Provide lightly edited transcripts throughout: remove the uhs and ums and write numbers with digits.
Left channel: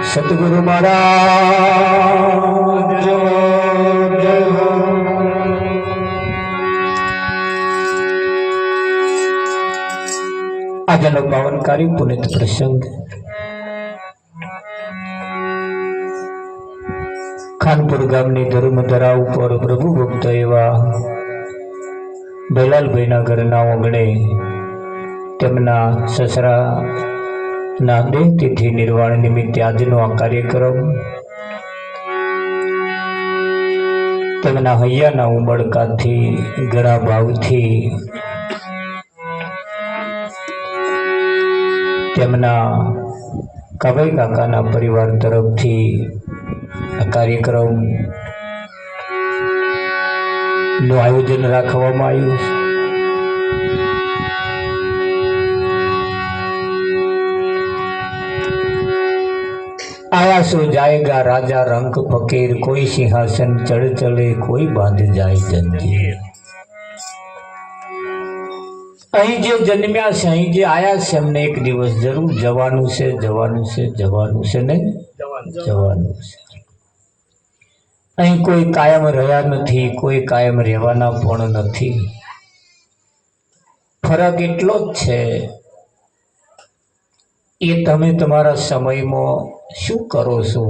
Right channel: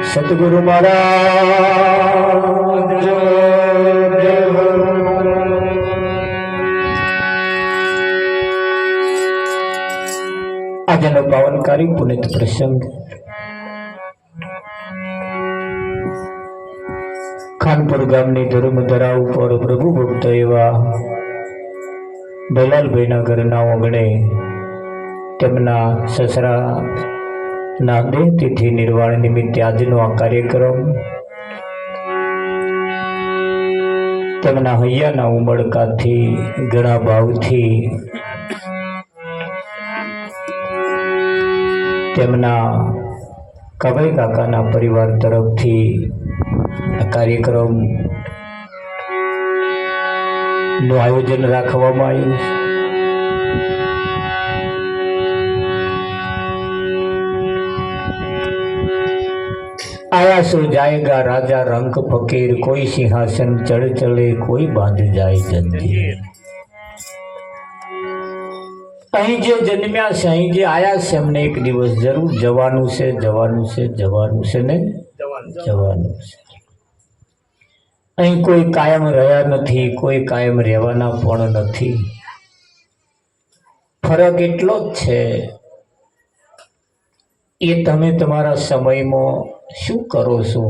સતગુરુ મહારાજ આજનો પાવનકારી પુનિત પ્રસંગ ખાનપુર ગામની ધર્મધરા ઉપર પ્રભુ ભક્ત એવા દલાલભાઈના ઘરના આંગણે તેમના સસરા ના દેહ તિથિ નિર્વાણ નિમિત્તે આજનો આ કાર્યક્રમ તેમના હૈયાના ઉમળકાથી ઘણા ભાવથી તેમના કાભાઈ કાકાના પરિવાર તરફથી આ કાર્યક્રમ નું આયોજન રાખવામાં આવ્યું છે. आया सो जाएगा राजा रंग फकीर, कोई सिंहासन चढ़ चले, कोई बांध जाए जंजीर. અહીં જે જન્મ્યા છે, અહીં જે આયા છે, એમને એક દિવસ જરૂર જવાનું છે, જવાનું છે, જવાનું છે ને જવાનું છે. અહીં કોઈ કાયમ રહ્યા નથી, કોઈ કાયમ રહેવાના પણ નથી. ફરક એટલો જ છે એ તમે તમારા સમયમાં શું કરો છો,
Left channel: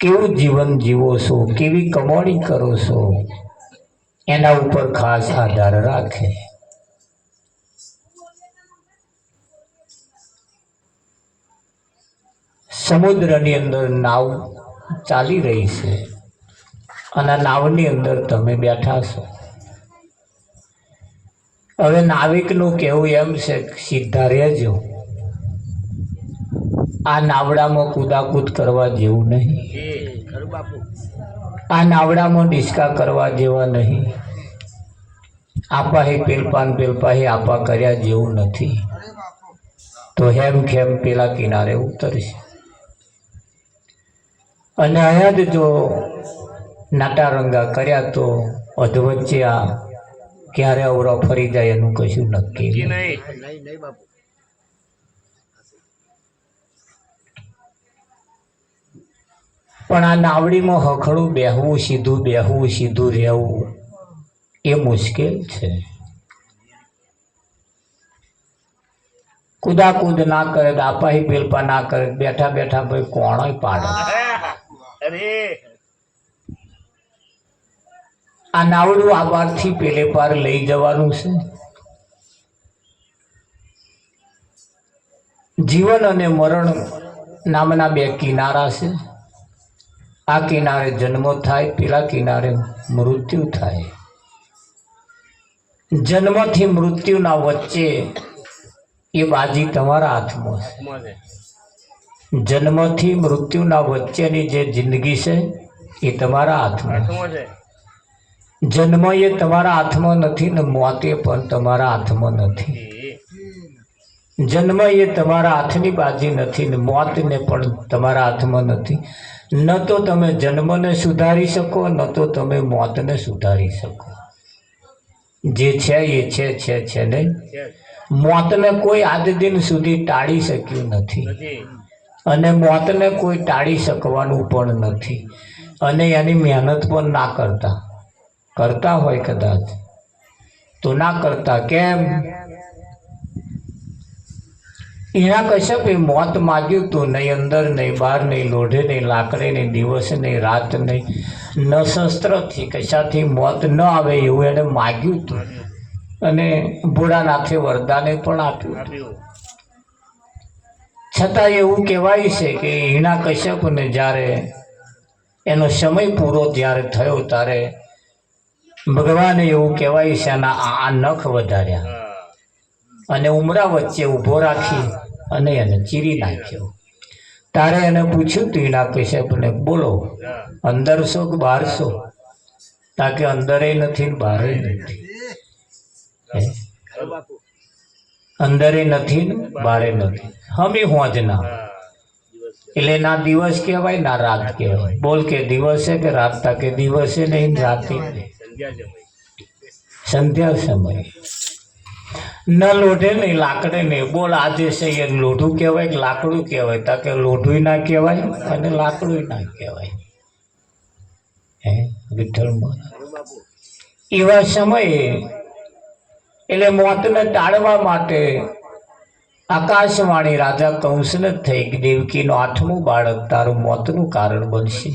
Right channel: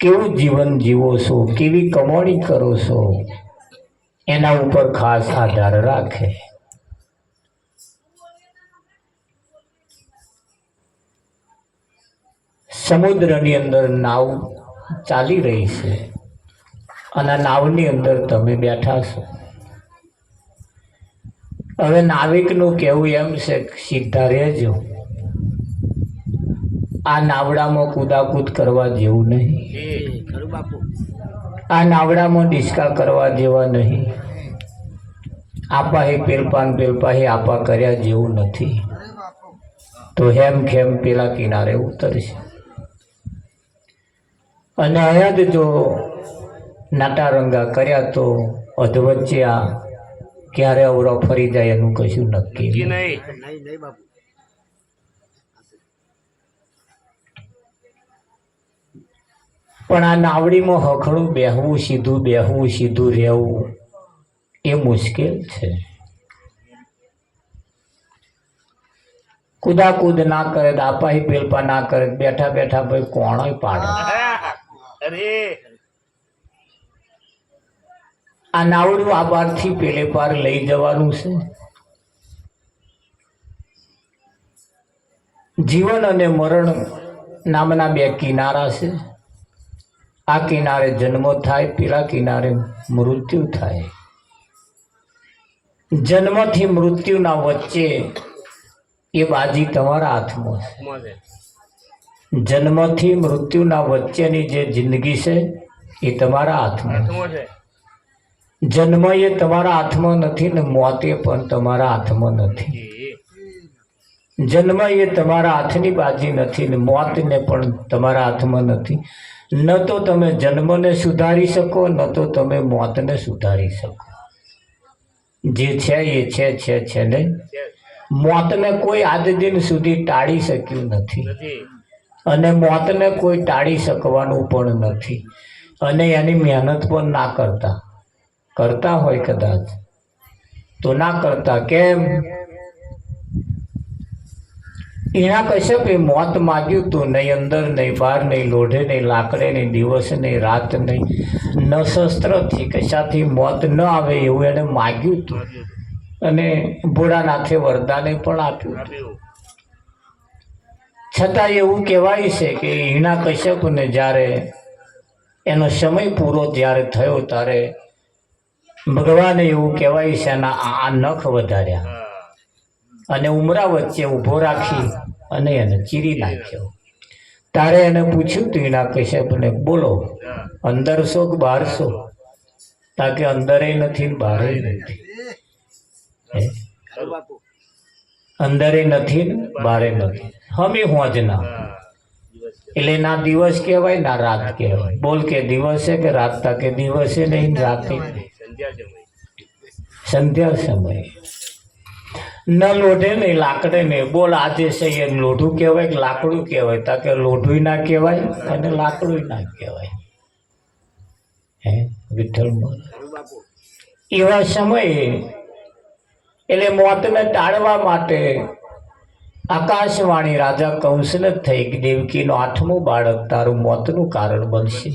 કેવું જીવન જીવો છો, કેવી કમાણી કરો છો, એના ઉપર ખાસ આધાર રાખે. સમુદ્રની અંદર નાવ ચાલી રહી છે અને નાવની અંદર તમે બેઠા છો. હવે નાવિકનું કહેવું એમ છે કે સીધા રહેજો, આ નાવડામાં કૂદાકૂદ કરવા જેવું નહીં, આ નાવડામાં ડિસ્કા કરવા જેવા નહીં, આપા હે પેલપાન પેલપા હે આપા કર્યા જેવું નથી. તો હેમ ખેમ પેલા કિનારે ઉતરશે અને અહીંયા જ જો નાટારંગા કર્યા તો અધવચ્ચે આ ક્યારે અવરો ફરી જાય એનું કશું નક્કી નહીં. પણ આ નાવડીમાં હખડું બેહવું, સીધું બેહવું, સીધું રહેવું એ મુશ્કેલ છે. કુદાકૂદ ના કરે, આપાહી પેલપા ના કરે, બેઠા બેઠા ભાઈ કોણ પાડે. આ નાવડું આ પારથી પેલે પાર લઈ જવાનું છે. જીવન અને મરણ નામના બે કિનારા છે. આ કિનારે જન્મ થાય, પેલા કિનારે મૃત્યુ થાય. જન્મથી મૃત્યુના વચ્ચે એ બાજી તમારા હાથમાં છે. જન્મથી મૃત્યુના વચ્ચેની જે જિંદગી છે એ તમારા હાથમાં છે. જન્મ એ તમારા હાથમાં નથી ને મોત એ પણ તમારા હાથમાં નથી. જન્મ એ તમારા હાથની બાજી નથી ને મોત ને પણ તમારા હાથમાં નથી. ન તો તમે જન્મને સુધારી શકો, ન તો તમે મોતને સુધારી શકો. જે છે એ છે નહીં. મોતને કોઈ આજ દિન સુધી ટાળી શક્યું નથી અને મોતને કોઈ ટાળી શકવાનું પણ નથી. અને એની મહેનત પણ ના કરતા હોય કદાચ તો ના કરતા. કેમ? એના કશ્યપે મોત માગ્યું તું, નહીં અંદર નહીં બહાર નહીં, લોઢે નહીં લાકડે નહીં, દિવસ નહીં રાત નહીં, ન શસ્ત્રથી કશાથી મોત ન આવે એવું એને માગ્યું તું અને ભોળાનાથે વરદાને પણ આપ્યું. છતાં એવું કહેવાય છે કે હિણા કશ્યપને જ્યારે એનો સમય પૂરો જ્યારે થયો ત્યારે ભગવાને એવું કહેવાય છે આ નખ વધાર્યા અને ઉમરા વચ્ચે ઊભો રાખી અને એને ચીરી નાખ્યો. તારે એને પૂછ્યું તું હિણા કશ્યપને, બોલો અંદર છો કે બહાર છો? તાકે અંદરે નથી ને બહારે નથી. અંદરે નથી ને બહારે નથી. હમી હોજના એટલે ના દિવસ કહેવાય ના રાત કહેવાય. બોલ કે દિવસે કે રાત, તાકે દિવસે નહીં રાતે સંધ્યા સમય. ન લોઢે નહીં લાકડે નહીં. બોલ આજે છે એ લોઢું કહેવાય કે લાકડું કહેવાય? તા કે લોઢું ના કહેવાય અને લાકડું ના કહેવાય. હે વિઠ્ઠલ મહારાજ એવા સમયે એટલે મોતને ટાળવા માટે આકાશવાણી રાજા કંસને થઈ કે દેવકીનો 8મું બાળક તારું મોતનું કારણ બનશે.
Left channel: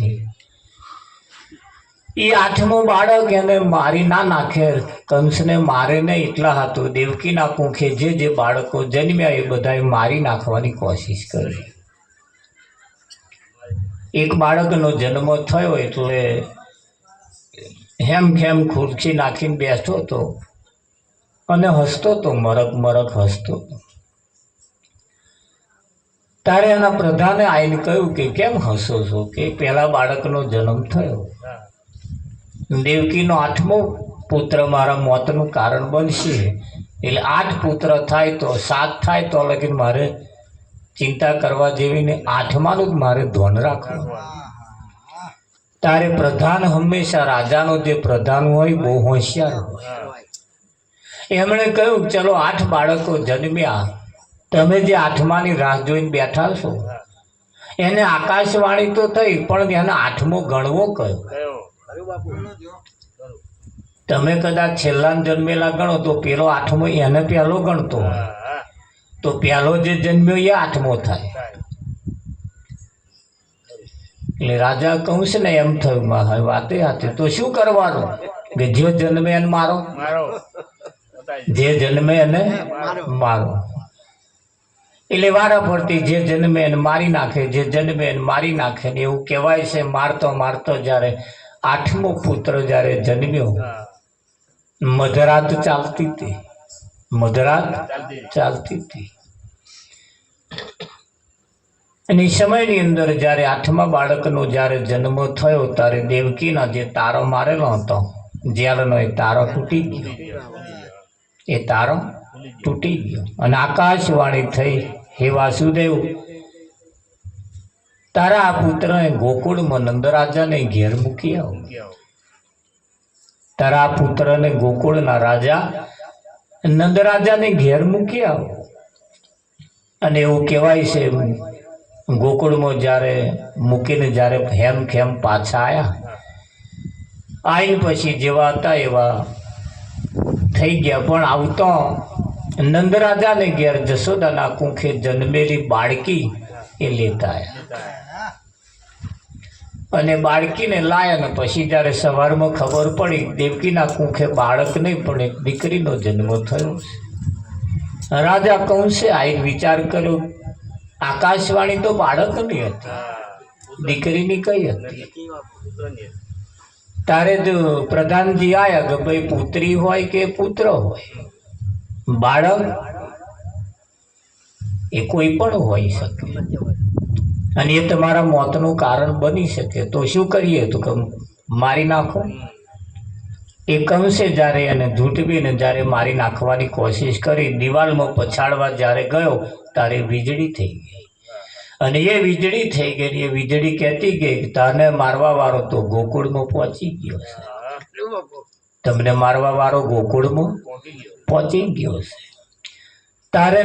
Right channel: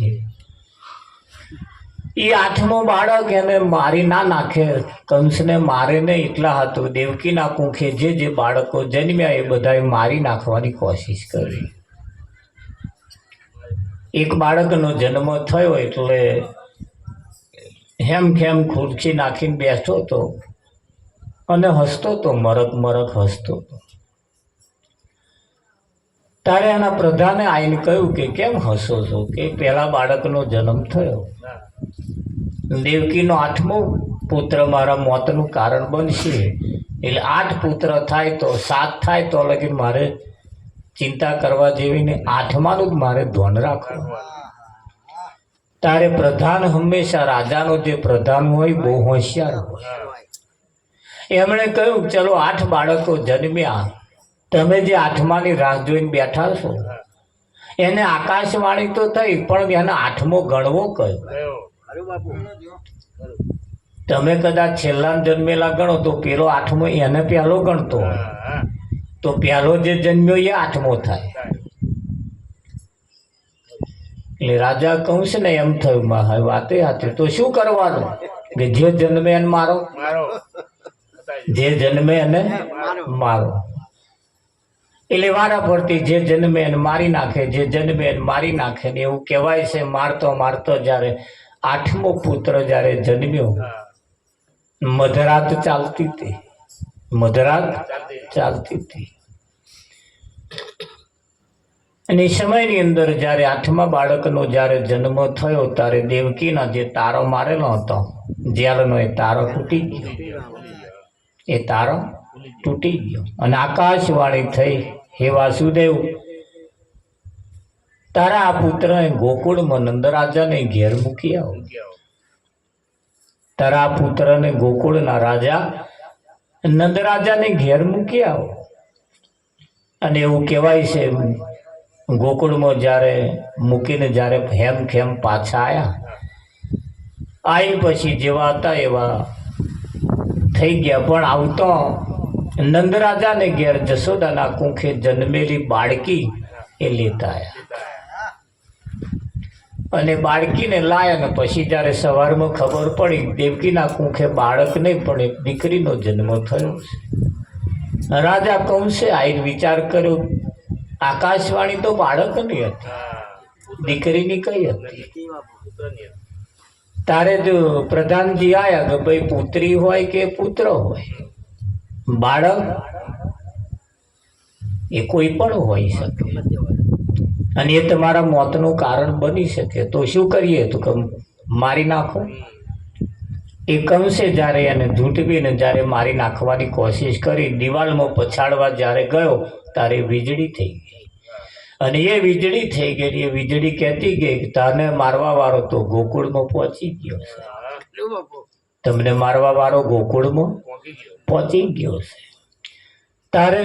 એ 8મું બાળક એને મારી ના નાખે, કંસને મારે નહીં. એટલા હતું દેવકીના કુંખે જે બાળકો જન્મ્યા એ બધાએ મારી નાખવાની કોશિશ કરી. એક બાળકનો જન્મ થયો એટલે હેમ ખેમ ખુરશી નાખીને બેઠો હતો અને હસતો તો, મરક મરક હસતો. તારે એના પ્રધાને આવીને કહ્યું કે કેમ હસો છો? કે પહેલા બાળકનો જન્મ થયો, દેવકીનો 8મો પુત્ર મારા મોતનું કારણ બનશે. એટલે 8 પુત્ર થાય તો 7 થાય તો લગીન મારે ચિંતા કરવા જેવી ને 8માનું જ મારે ધ્યાન રાખવું. તારે પ્રધાન હંમેશા રાજાનો જે પ્રધાન હોય બહુ હોશિયાર હોય. એમણે કહ્યું ચલો 8 બાળકો જન્મ્યા, તમે જે 8માની રાહ જોઈને બેઠા છો એને આકાશવાણી તો થઈ પણ એને 8મો ગણવો કયો? તમે કદાચ છેલ્લા જન્મેલા ગણો તો પેલો 8મો એને પહેલો ગણતો હોય તો પહેલો જે જન્મ્યો એ 8મો થાય. એટલે રાજા કંસને એમ થયું વાતે હતી તો શું કરવાનું કે જે જન્મે એને મારો, જે જન્મે એને મારો. એટલે વારા ફરતી જે જન્મે એને મારી નાખે, જે જન્મે એને મારી નાખે. ને એવું કહેવાય છે મારતો મારતો જ્યારે 8મો પુત્ર જ્યારે જન્મ્યો મધરાત ચાલતી હતી, મધરાત ચાલતી હતી. અને એ સમયની અંદર જ્યારે 8મા બાળકનો જ્યારે જન્મ થયો ત્યારે દેવકીના જે તારો મારેલો હતો જેલનો એ તારો તૂટી ગયો, એ તારો તૂટી ગયો. અને આકાશવાણી થઈ હે વાસુદેવ તારા આ પુત્રને ગોકુળમાં નંદરાજાને ઘેર મૂકી આવો. તારા આ પુત્રને ગોકુળના રાજા નંદરાજાને ઘેર મૂકી આવો. અને એવું કહેવાય છે ગોકુળમાં જ્યારે મૂકીને જ્યારે હેમ ખેમ પાછા આવીને પછી જેવા હતા એવા થઈ ગયા. પણ આવતો નંદરાજાને ઘેર જશોદાના કુંખે જન્મેલી બાળકી એ લેતા આવ્યા. અને બાળકીને લાયા ને પછી જ્યારે સવારમાં ખબર પડી દેવકીના કુંખે બાળક નહીં પણ એક દીકરીનો જન્મ થયો છે. રાજા કંસે આવીને વિચાર કર્યો આકાશવાણી તો બાળકની હતી, દીકરીની કઈ હતી? તારે તો પ્રધાનજી આયા કે ભાઈ પુત્રી હોય કે પુત્ર હોય, બાળક એ કોઈ પણ હોઈ શકે અને એ તમારા મોતનું કારણ બની શકે. તો શું કરીએ? તો કે મારી નાખો. એ કંસે જ્યારે એને ઝૂંટવીને જ્યારે મારી નાખવાની કોશિશ કરી, દિવાલમાં પછાડવા જ્યારે ગયો ત્યારે વીજળી થઈ ગઈ. અને એ વીજળી થઈ ગઈ, એ વીજળી કહેતી ગઈ કે તને મારવા વાળો તો ગોકુળમાં પહોંચી ગયો છે, તમને મારવા વાળો ગોકુળમાં પહોંચી ગયો છે. તારે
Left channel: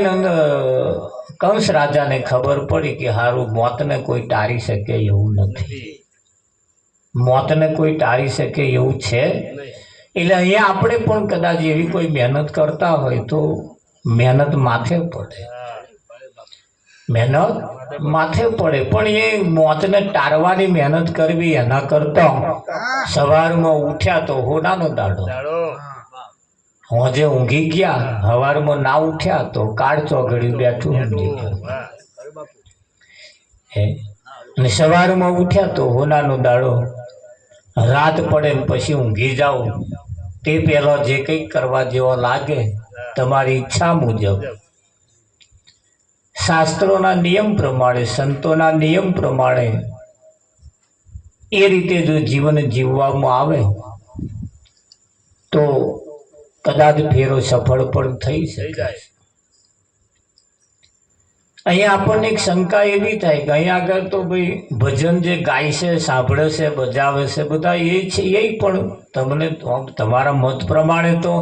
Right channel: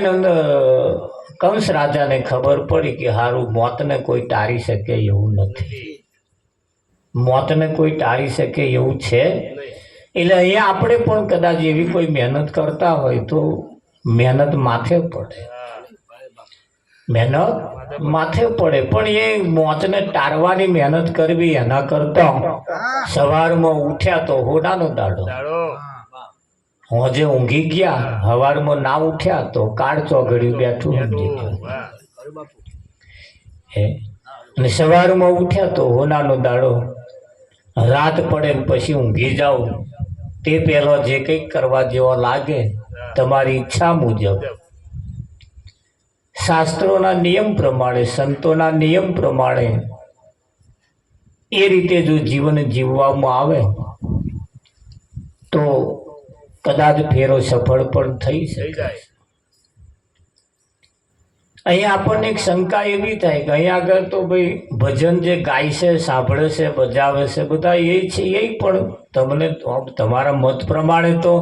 કંસ રાજાને ખબર પડી કે હારું મોતને કોઈ ટાળી શકે એવું નથી, મોતને કોઈ ટાળી શકે એવું છે. એટલે અહીંયા આપણે પણ કદાચ એવી કોઈ મહેનત કરતા હોય તો મહેનત માથે પડે, મહેનત માથે પડે. પણ એ મોતને ટાળવાની મહેનત કરવી એના કરતા સવારમાં ઉઠ્યા તો હોનાનો દાડો, હોજે ઊંઘી ગયા સવારમાં ના ઉઠ્યા તો કાળ ચોગડ્યું બેઠું ઊંઘી ગયું. અને સવારમાં ઉઠ્યા તો હોનાનો દાડો, રાત પડે ને પછી ઊંઘી જાઓ તે પહેલો જે કંઈક કરવા જેવો લાગે તમારી ઈચ્છા મુજબ શાસ્ત્રોના નિયમ પ્રમાણે, સંતોના નિયમ પ્રમાણે એ રીતે જો જીવન જીવવામાં આવે તો કદાચ ફેરો સફળ પણ થઈ શકે. અહીંયા આપણને એક શંકા એવી થાય કે અહીંયા આગળ તો ભાઈ ભજન જે ગાય છે, સાંભળે છે, બજાવે છે બધા એ છે, એ પણ તમને તમારા મત પ્રમાણે તો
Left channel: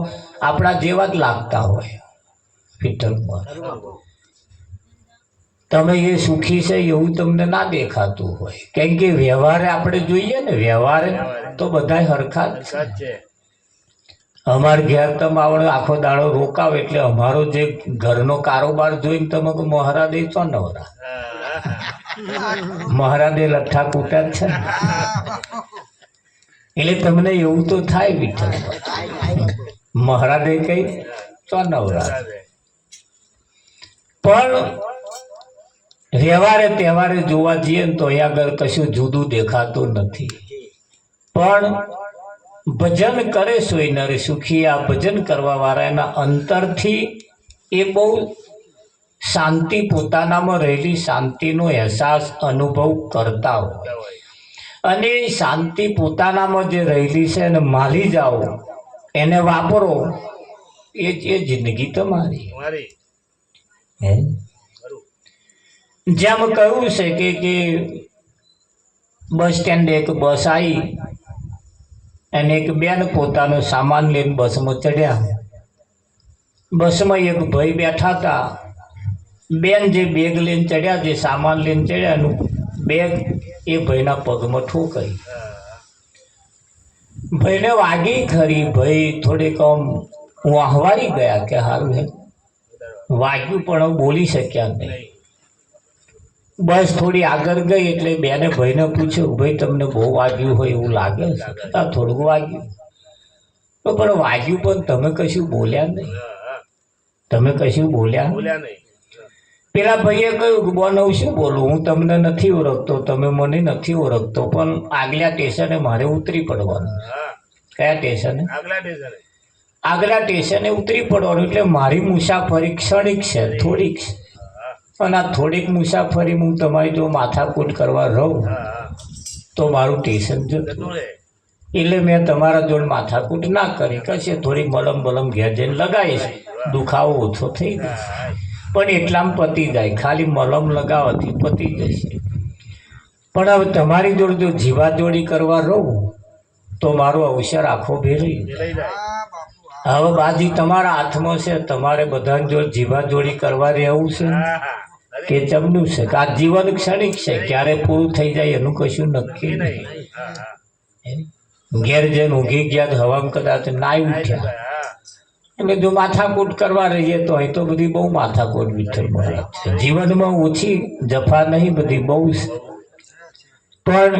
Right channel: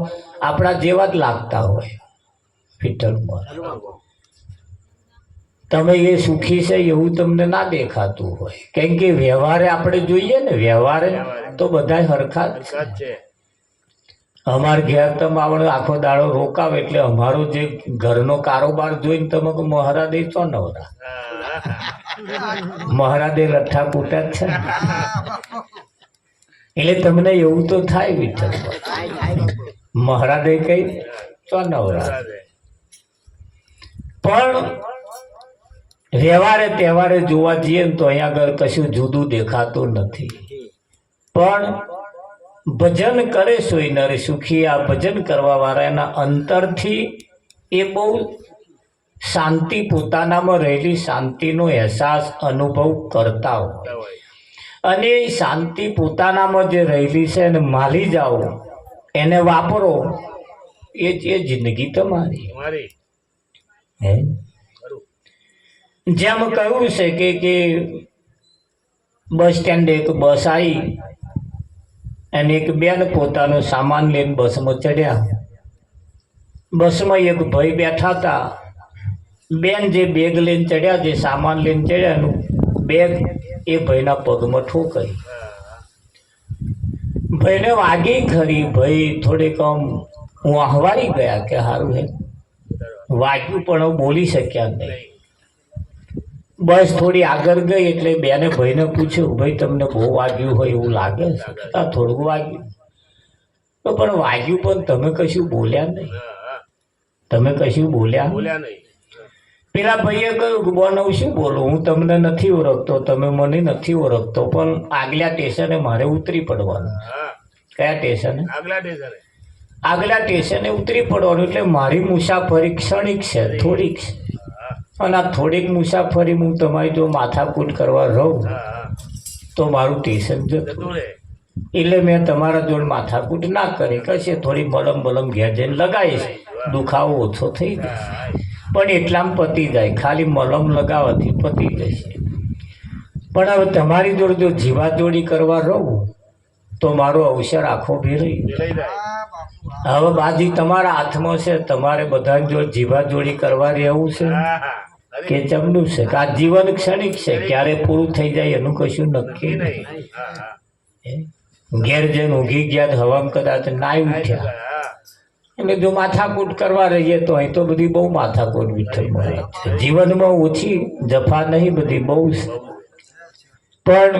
આપણા જેવા જ લાગતા હોય. વિઠ્ઠલ મહારાજ તમે એ સુખી છે એવું તમને ના દેખાતું હોય, કેમ કે વ્યવહારે આપણે જોઈએ ને, વ્યવહારે તો બધા હરખા જ છે. અમારે ઘેર તમે આવડે આખો દાડો રોકાવ એટલે અમારો જે ઘરનો કારોબાર જોઈને તમે મહારાજ ચો નવરા, મહારાજે લઠ્ઠા કૂટા જ છે ને, એટલે તમને એવું તો થાય વિઠ્ઠલ મહારાજે કઈ ચો નવરા. પણ વ્યવહારે તહેવારે જોવા જઈએ ને તો અહીંયા આગળ કશું જુદું દેખાતું નથી. પણ ભજન કરે સોય નર સુખી, આ ભજન કરવા વાળા એના અંતરથી એ બહુ શાંતિ, પોતાનામાં રહેલી શાંતિનો અહેસાસ અનુભવ કરતા હોય, અને એ શાંતિ પોતાનામાં જે રહેલી છે એને માલી જાઓ, એને વાપરો, એ જિંદગી તમારી. હે જેમ કહ્યું છે કે બસ સ્ટેન્ડે એક બસ આવી અને એક બેન પોતાનો સામાન લઈને બસમાં ચડ્યા. બસમાં એક ભાઈ બેઠા હતા. બેન જે બેગ લઈને ચડ્યા, જે સામાન લઈને ચડ્યા, એનું બેગ એ ભાઈના પગમાં ઠોકાઈ. ભાઈને વાગી ખરી, ભાઈ થોડીક આમ વાહવારી ગયા કે સારું હે વાગ્યું, પણ બોલી શક્યા નહીં. બસ થોડી આગળ ગઈ એટલે બેને ભાઈને પૂછ્યું, ભાઈ તમને બહુ વાગ્યું હોય એવું લાગે છે? થોડુંક વાગ્યું. તો પણ વાગ્યું પણ તમે કશું બોલ્યા નહીં, તમે કશું બોલ્યા નહીં. પેલા ભાઈએ કહ્યું કે બોન શું બોલું, હું તમને નથી ઓળખતો, તમે મને નથી ઓળખતો, પણ આગલા સ્ટેશને મારે ઉતરી પડવાનું. કયા સ્ટેશને? આગલા સ્ટેશને ઉતરી પડવાનું. એટલે મારી મુસાફરી ક્ષણિક છે, થોડીક છે, અને આ થોડીક મુસાફરી હું તમારી જો માથાકૂટ કરવા રહું તો મારું સ્ટેશન જતું રહે. એટલે મેં તમારા જોડે માથાકૂટ ના કરી, કશે થોડી મલમ ઘેર જઈને લગાવીશ, દુખાવો ઓછો થઈ જશે. પણ એટલામાં પતી જાય, ખાલી મલમ લગાવવાથી પતી જશે. પણ હવે તમારી જોડે જો જીવાજોડી કરવા રહું તો મારો અવસર આખો ભેરાઈ જાય. હવે બાજી તમારા હાથમાં છે, તમારે બધા જોડે જીવાજોડી કરવા રહેવું છે કે જમનું છે, કે આ જીવન ક્ષણિક છે, ક્યારે પૂરું થઈ જાય એનું કશું નક્કી નહીં. ઘેર જઈને ઊંઘી ગયા, હવામાં કદાચ નાઈ ઉઠ્યા, એટલે જો માથાકૂટ કરવા રહીએ તો અહીં તો બધી બહુ માથાકૂટ વિઠ્ઠલ મહારાજ છે. જીવનમાં ઓછી જફા નહીં, બધી બહુ છે. પણ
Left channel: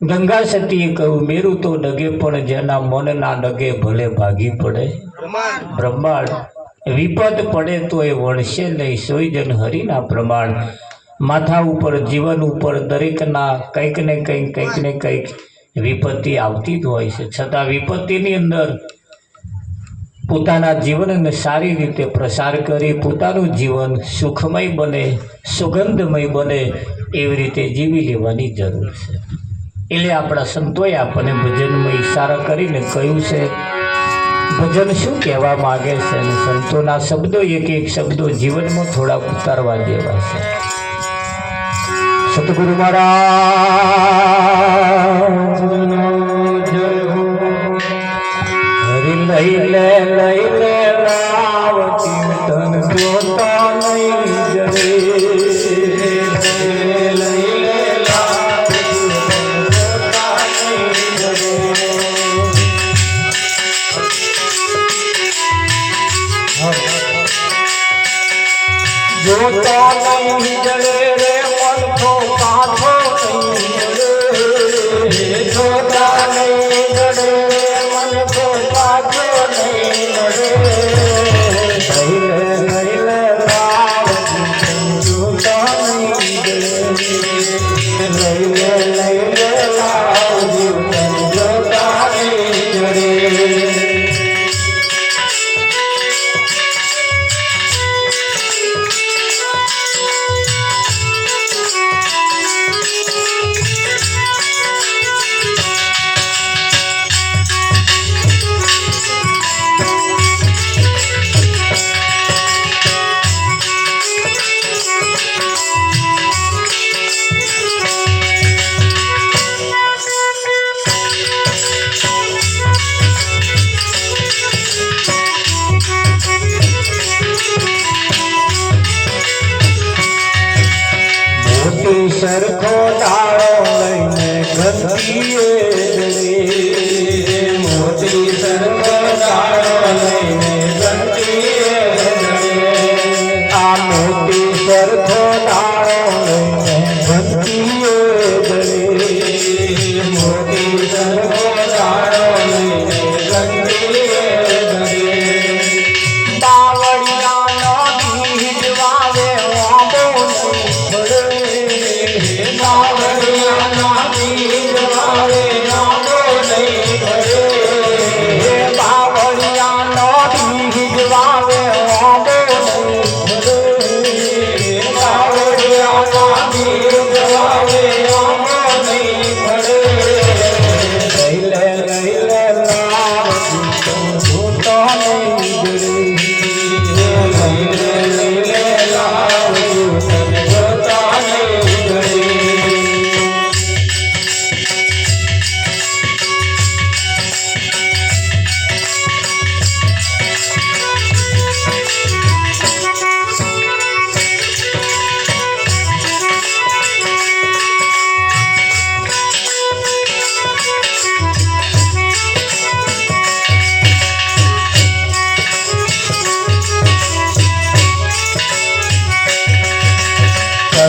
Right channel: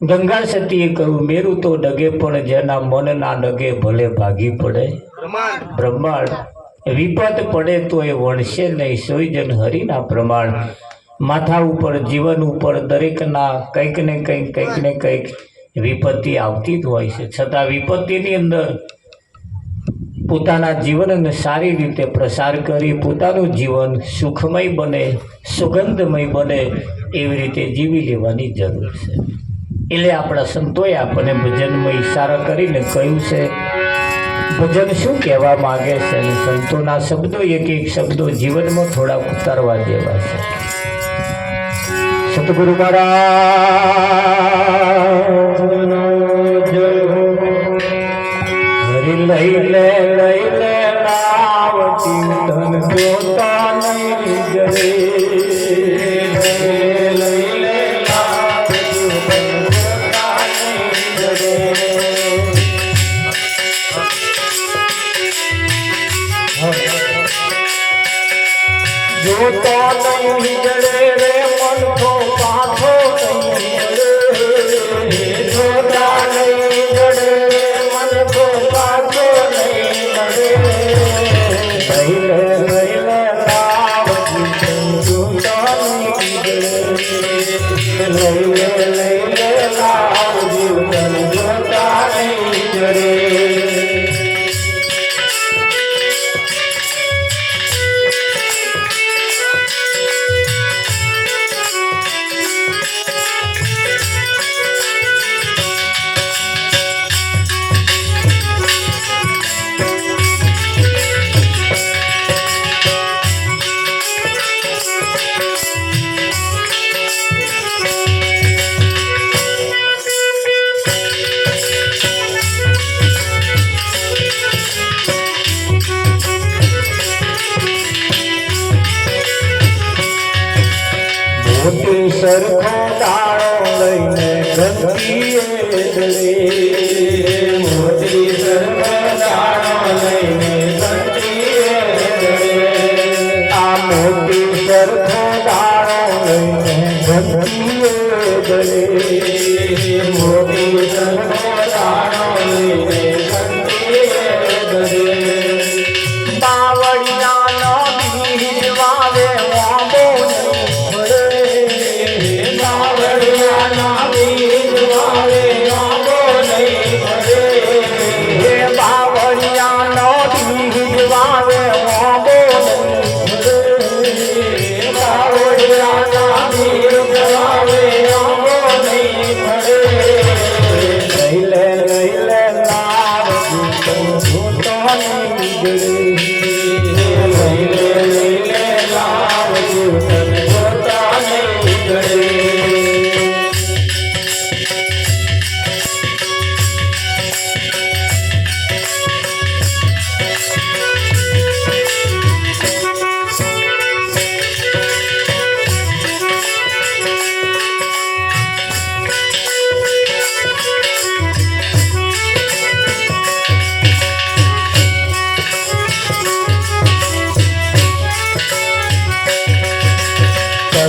ગંગા સતીએ કહ્યું, મેરું તો ડગે પણ જેના મન ના ડગે ભલે ભાગી પડે બ્રહ્માંડ, વિપત પડે તો એ વણશે નહીં સોય જન હરિના પ્રમાણ. માથા ઉપર, જીવન ઉપર દરેકના કંઈક ને કંઈક વિપત્તિ આવતી જ હોય છે. છતાં વિપત્તિની અંદર પોતાના જીવનને સારી રીતે પ્રસાર કરી પોતાનું જીવન સુખમય બને, સુગંધમય બને, એવી રીતે જીવી લેવાની જરૂર છે. એટલે આપણા સંતોએ આપણને ભજનમાં ઈશારા કરીને કહ્યું છે. ભજન શું કહેવા માગે છે, અને સંતોના શબ્દો, એક શબ્દો જીવનમાં થોડા ઉતારવા દેવા છે. સતગુરુ મહારાજ હરી લઈ લે આવતી તન જોતા નહીં જરે, જોતા નહીં જડે રે મન તો પાછો નહીં, જોતા નહીં જડે રે મન તો પાછો નહીં મળે. લઈ લે લાવતી જોતા નહીં જડે, લઈ લે લાવતી જોતા નહીં જડે. મોતી સરખો દાળો લઈને ગંગીએ જડે મોતી સરખો દાળો લઈને ગંગીએ જડે આ મોતી સરખો દાળો લઈને ગંગીએ જડે મોતી સરખો દાળો લઈને ગંગીએ જડે બાવળિયાનો બીજ વાવે વાંબો બાવળિયાનો બીજ વાવે વાંબો નહીં ભરે બાવળિયાનો બીજ વાવે વાંબો નહીં ભરે બાવળિયાનો બીજ વાવે વાંબો નહીં ભરે લઈ લે તાર ભૂતો નહીં બીજડે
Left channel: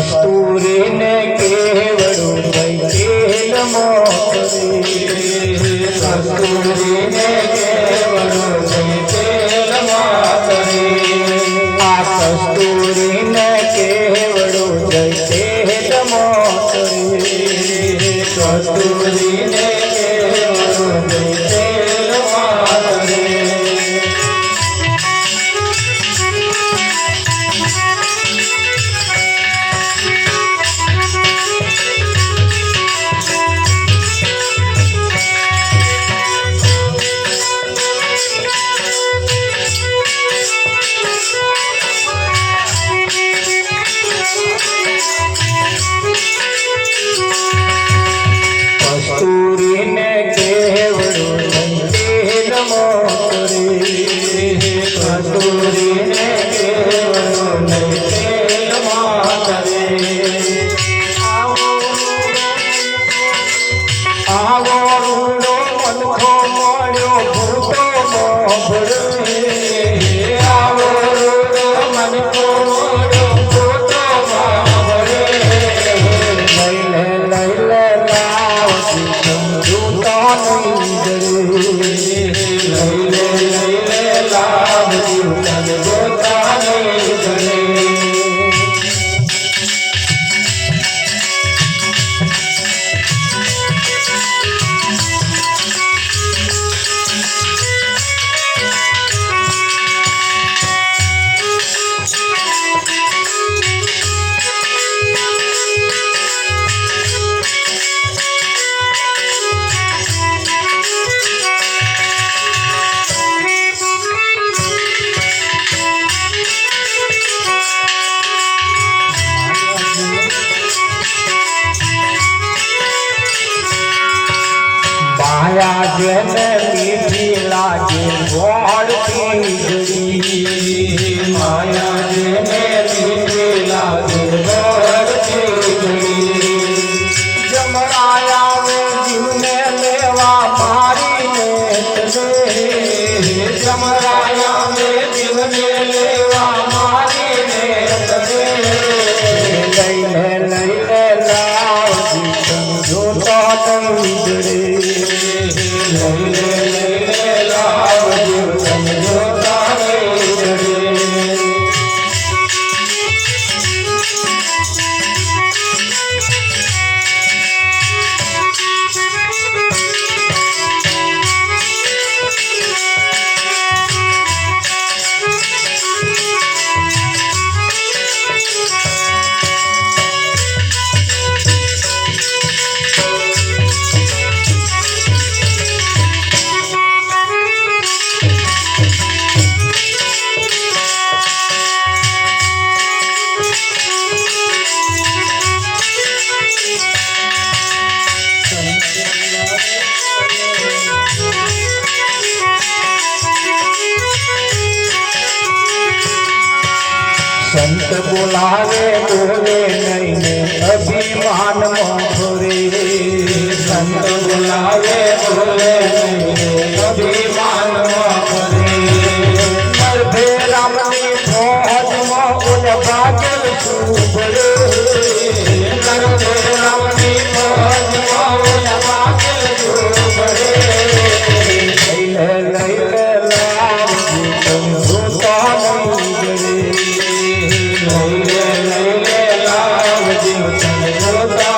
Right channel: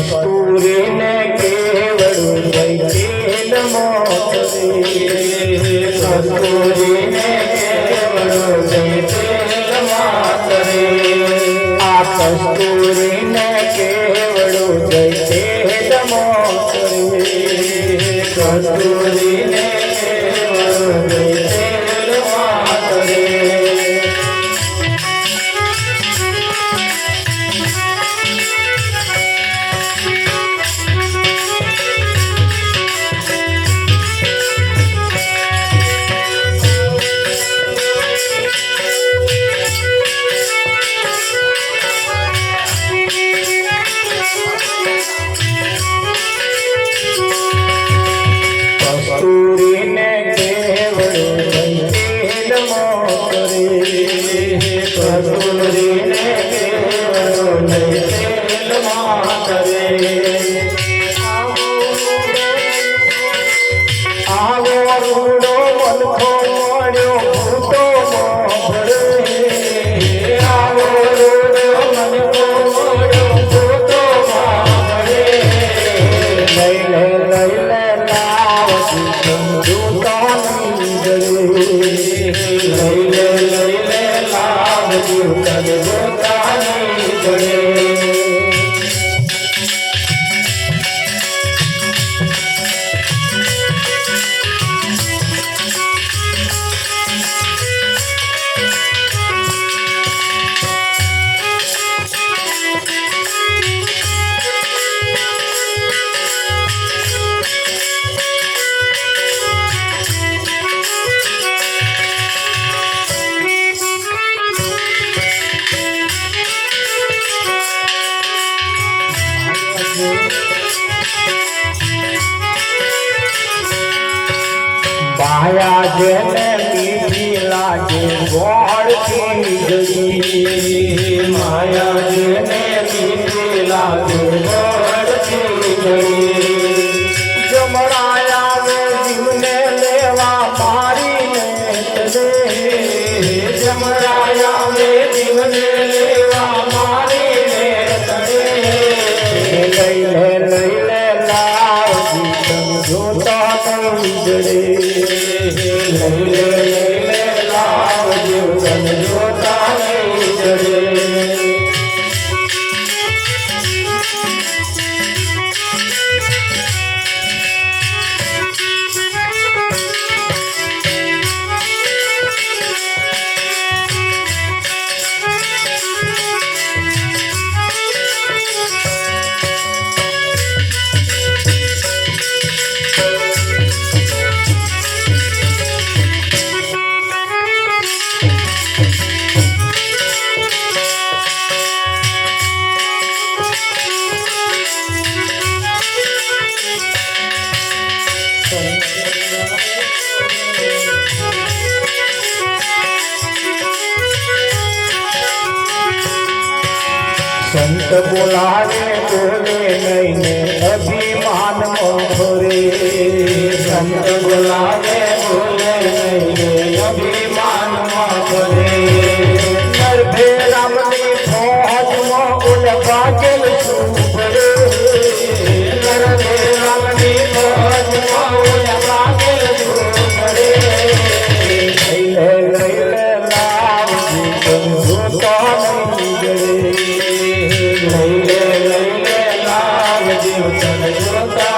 કસ્તુરીને કેવડું વૈકેલ મોકરે કસ્તુરીને કેવડું વૈકેલ મોકરે આ કસ્તુરીને કેવડું વૈકેલ મોકરે કસ્તુરીને કેવડું વૈકેલ મોકરે કસ્તુરીને કેવડું વૈકેલ મોકરે કસ્તુરીને કેવડું વૈકેલ મોકરે આવો રૂડો મનખો મળ્યો ભૂતો મોભળે આવો રૂડો મનખો મળ્યો ભૂતો મોભળે લઈ લે તાવ ભૂતો નહીં જડે લઈ લે લાભ જીવન ભૂતો નહીં જડે માયા જેને મીઠી લાગે ગોળથી જડી માયા જેને મીઠી લાગે ગોળથી જડી જમરાયા વે જીવને લેવા મારીને તડે જમરાયા વે જીવને લેવા મારીને તડે લઈ લે લાવ જીવન જોતો નહીં જડે સંત બોલાવે બોલે નહીં ને મોખરે સંત બોલાવે બોલે નહીં અભિમાન મોખરે નરભે રામની ફોજમાં ઉલભા ચલ છું પડે નરભે રામની ફોજમાં ઉલભા ચલ છું પડે લઈ લે લાવજી તન રૂતા નહીં જડે લઈ લે લાવજી તન રૂતા નહીં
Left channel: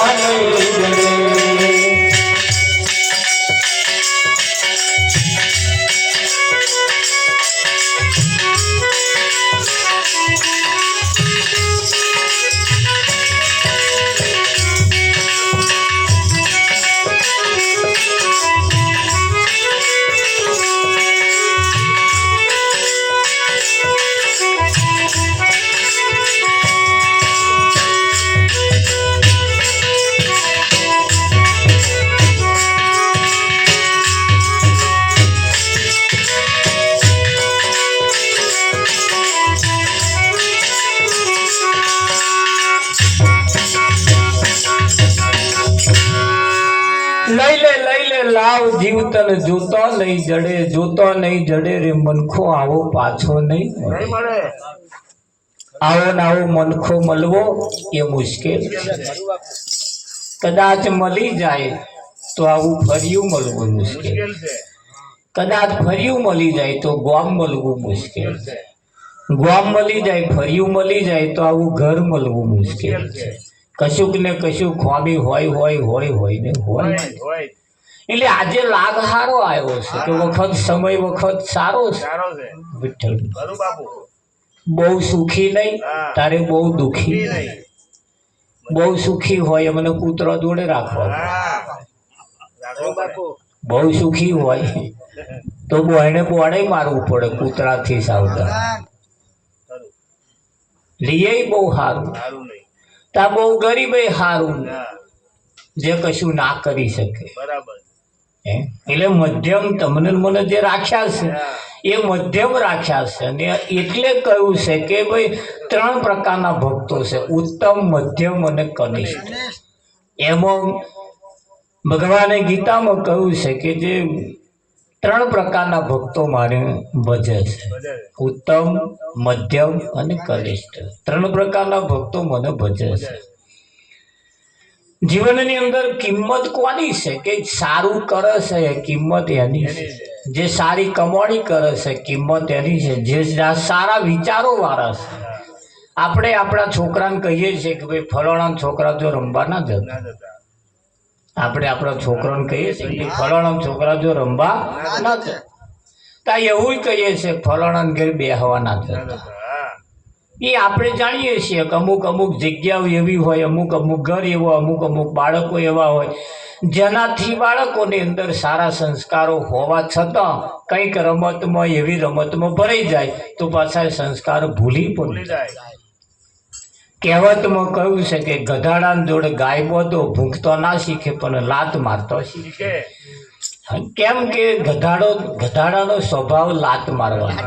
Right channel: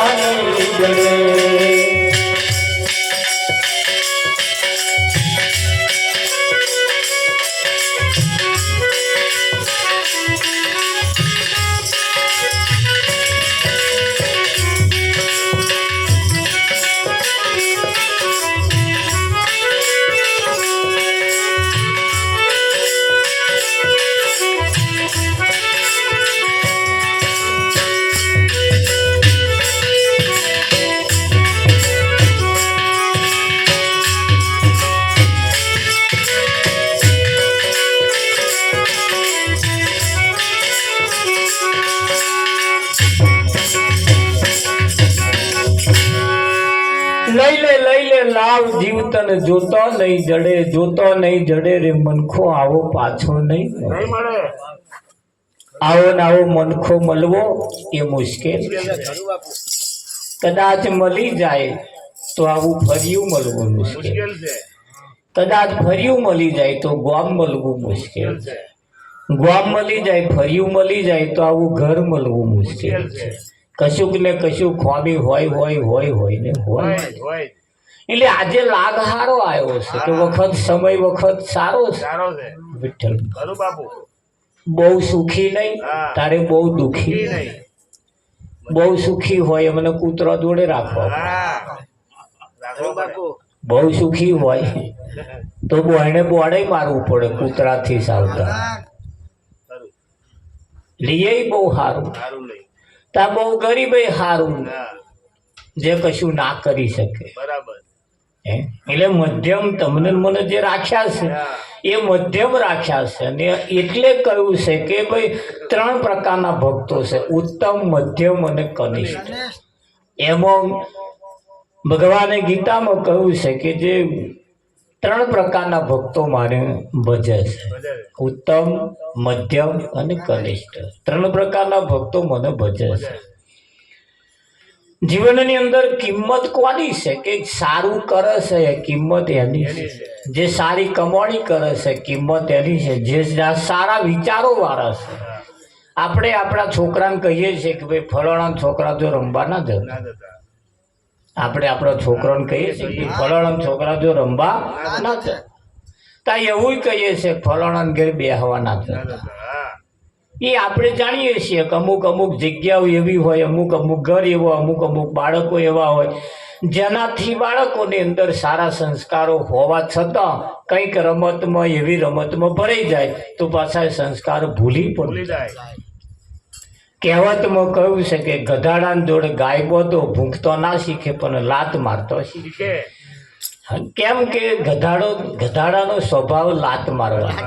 જડે લઈ લે લાવ જીવતન જોતો નહીં જડે જોતો નહીં જડે રે મનખો આવો પાછો નહીં મળે આવો ને આવો મનખો મળવો એ મુશ્કેલ કદાચ મળી જાય તો આવું ફર્યું મળવું મુશ્કેલ કદાચ ફર્યું મળી જાય તો ગામ મળવું મુશ્કેલ ગામ મળી જાય ફર્યું મળી જાય તો આવું ઘર મળવું મુશ્કેલ કશુંક ને કશું ખોમી હોય ને હોય એટલે આજે લાગ હારો આવ્યો છે કે વખત સમય વખત સારો છે વિઠ્ઠલ બહુ સુખી નહીં તારે બહુ દુખી બહુ સુખી હોય મને કૂતરા જોડે રાખવા બહુ સુખી હોય તો બોયને બોડે મારવું પડે કૂતરાથી સાવધાન લીએ બહુ સારું તા બહુ ગરીબે સારું જે કશું ના કરી શકે એટલે મધ્યમ તમને મને જે રાખ્યા છે એ મધ્યમ રાખ્યા છે અને એટલે કહ્યું છે કે ભાઈ 3 પ્રકારના ભક્તો છે ઉત્તમ મધ્યમ અને કનિષ્ઠ એમાં ભગવાને ગીતામાં કહ્યું છે કે જે 3 પ્રકારના ભક્તો મારે ભજે છે ઉત્તમ મધ્યમ અને કનિષ્ઠ 3 પ્રકારના ભક્તો મને ભજે છે જીવનની અંદર કિંમત કોની છે કે સારું કરે છે એ કિંમત એની છે જે સારી કમાણી કરે છે કિંમત એની છે જે સારા વિચારો વાળા છે આપણે આપણા છોકરાને કહીએ છીએ કે ભાઈ ફલાણા છોકરા જો રમવા ના જતા આપણે આપણા છોકરાને કહીએ છીએ કે ફલાણા છોકરા જો રમવા ના જતા તા એવું કહીએ છીએ ફલાણા ઘેર બેહવા ના જતા એ આપણે જાણીએ છીએ કે અમુક જગ્યાઓ એવી હોય અમુક ઘર એવો અમુક બાળકો એવા હોય જેનાથી બાળકોની અંદર સારા સંસ્કારો હોવા છતાં કંઈક રમતમાં એવી રમતમાં ભરાઈ જાય તો પાછા સંસ્કાર ભૂલી પડી જાય કહેવતમાં કહ્યું છે કે ગધાડાની જોડે ગાય બોધો ભૂંકતો ના શીખે પણ લાત મારતો શીખે કેમ કે ગધાડાનો સ્વભાવ લાત મારવાનો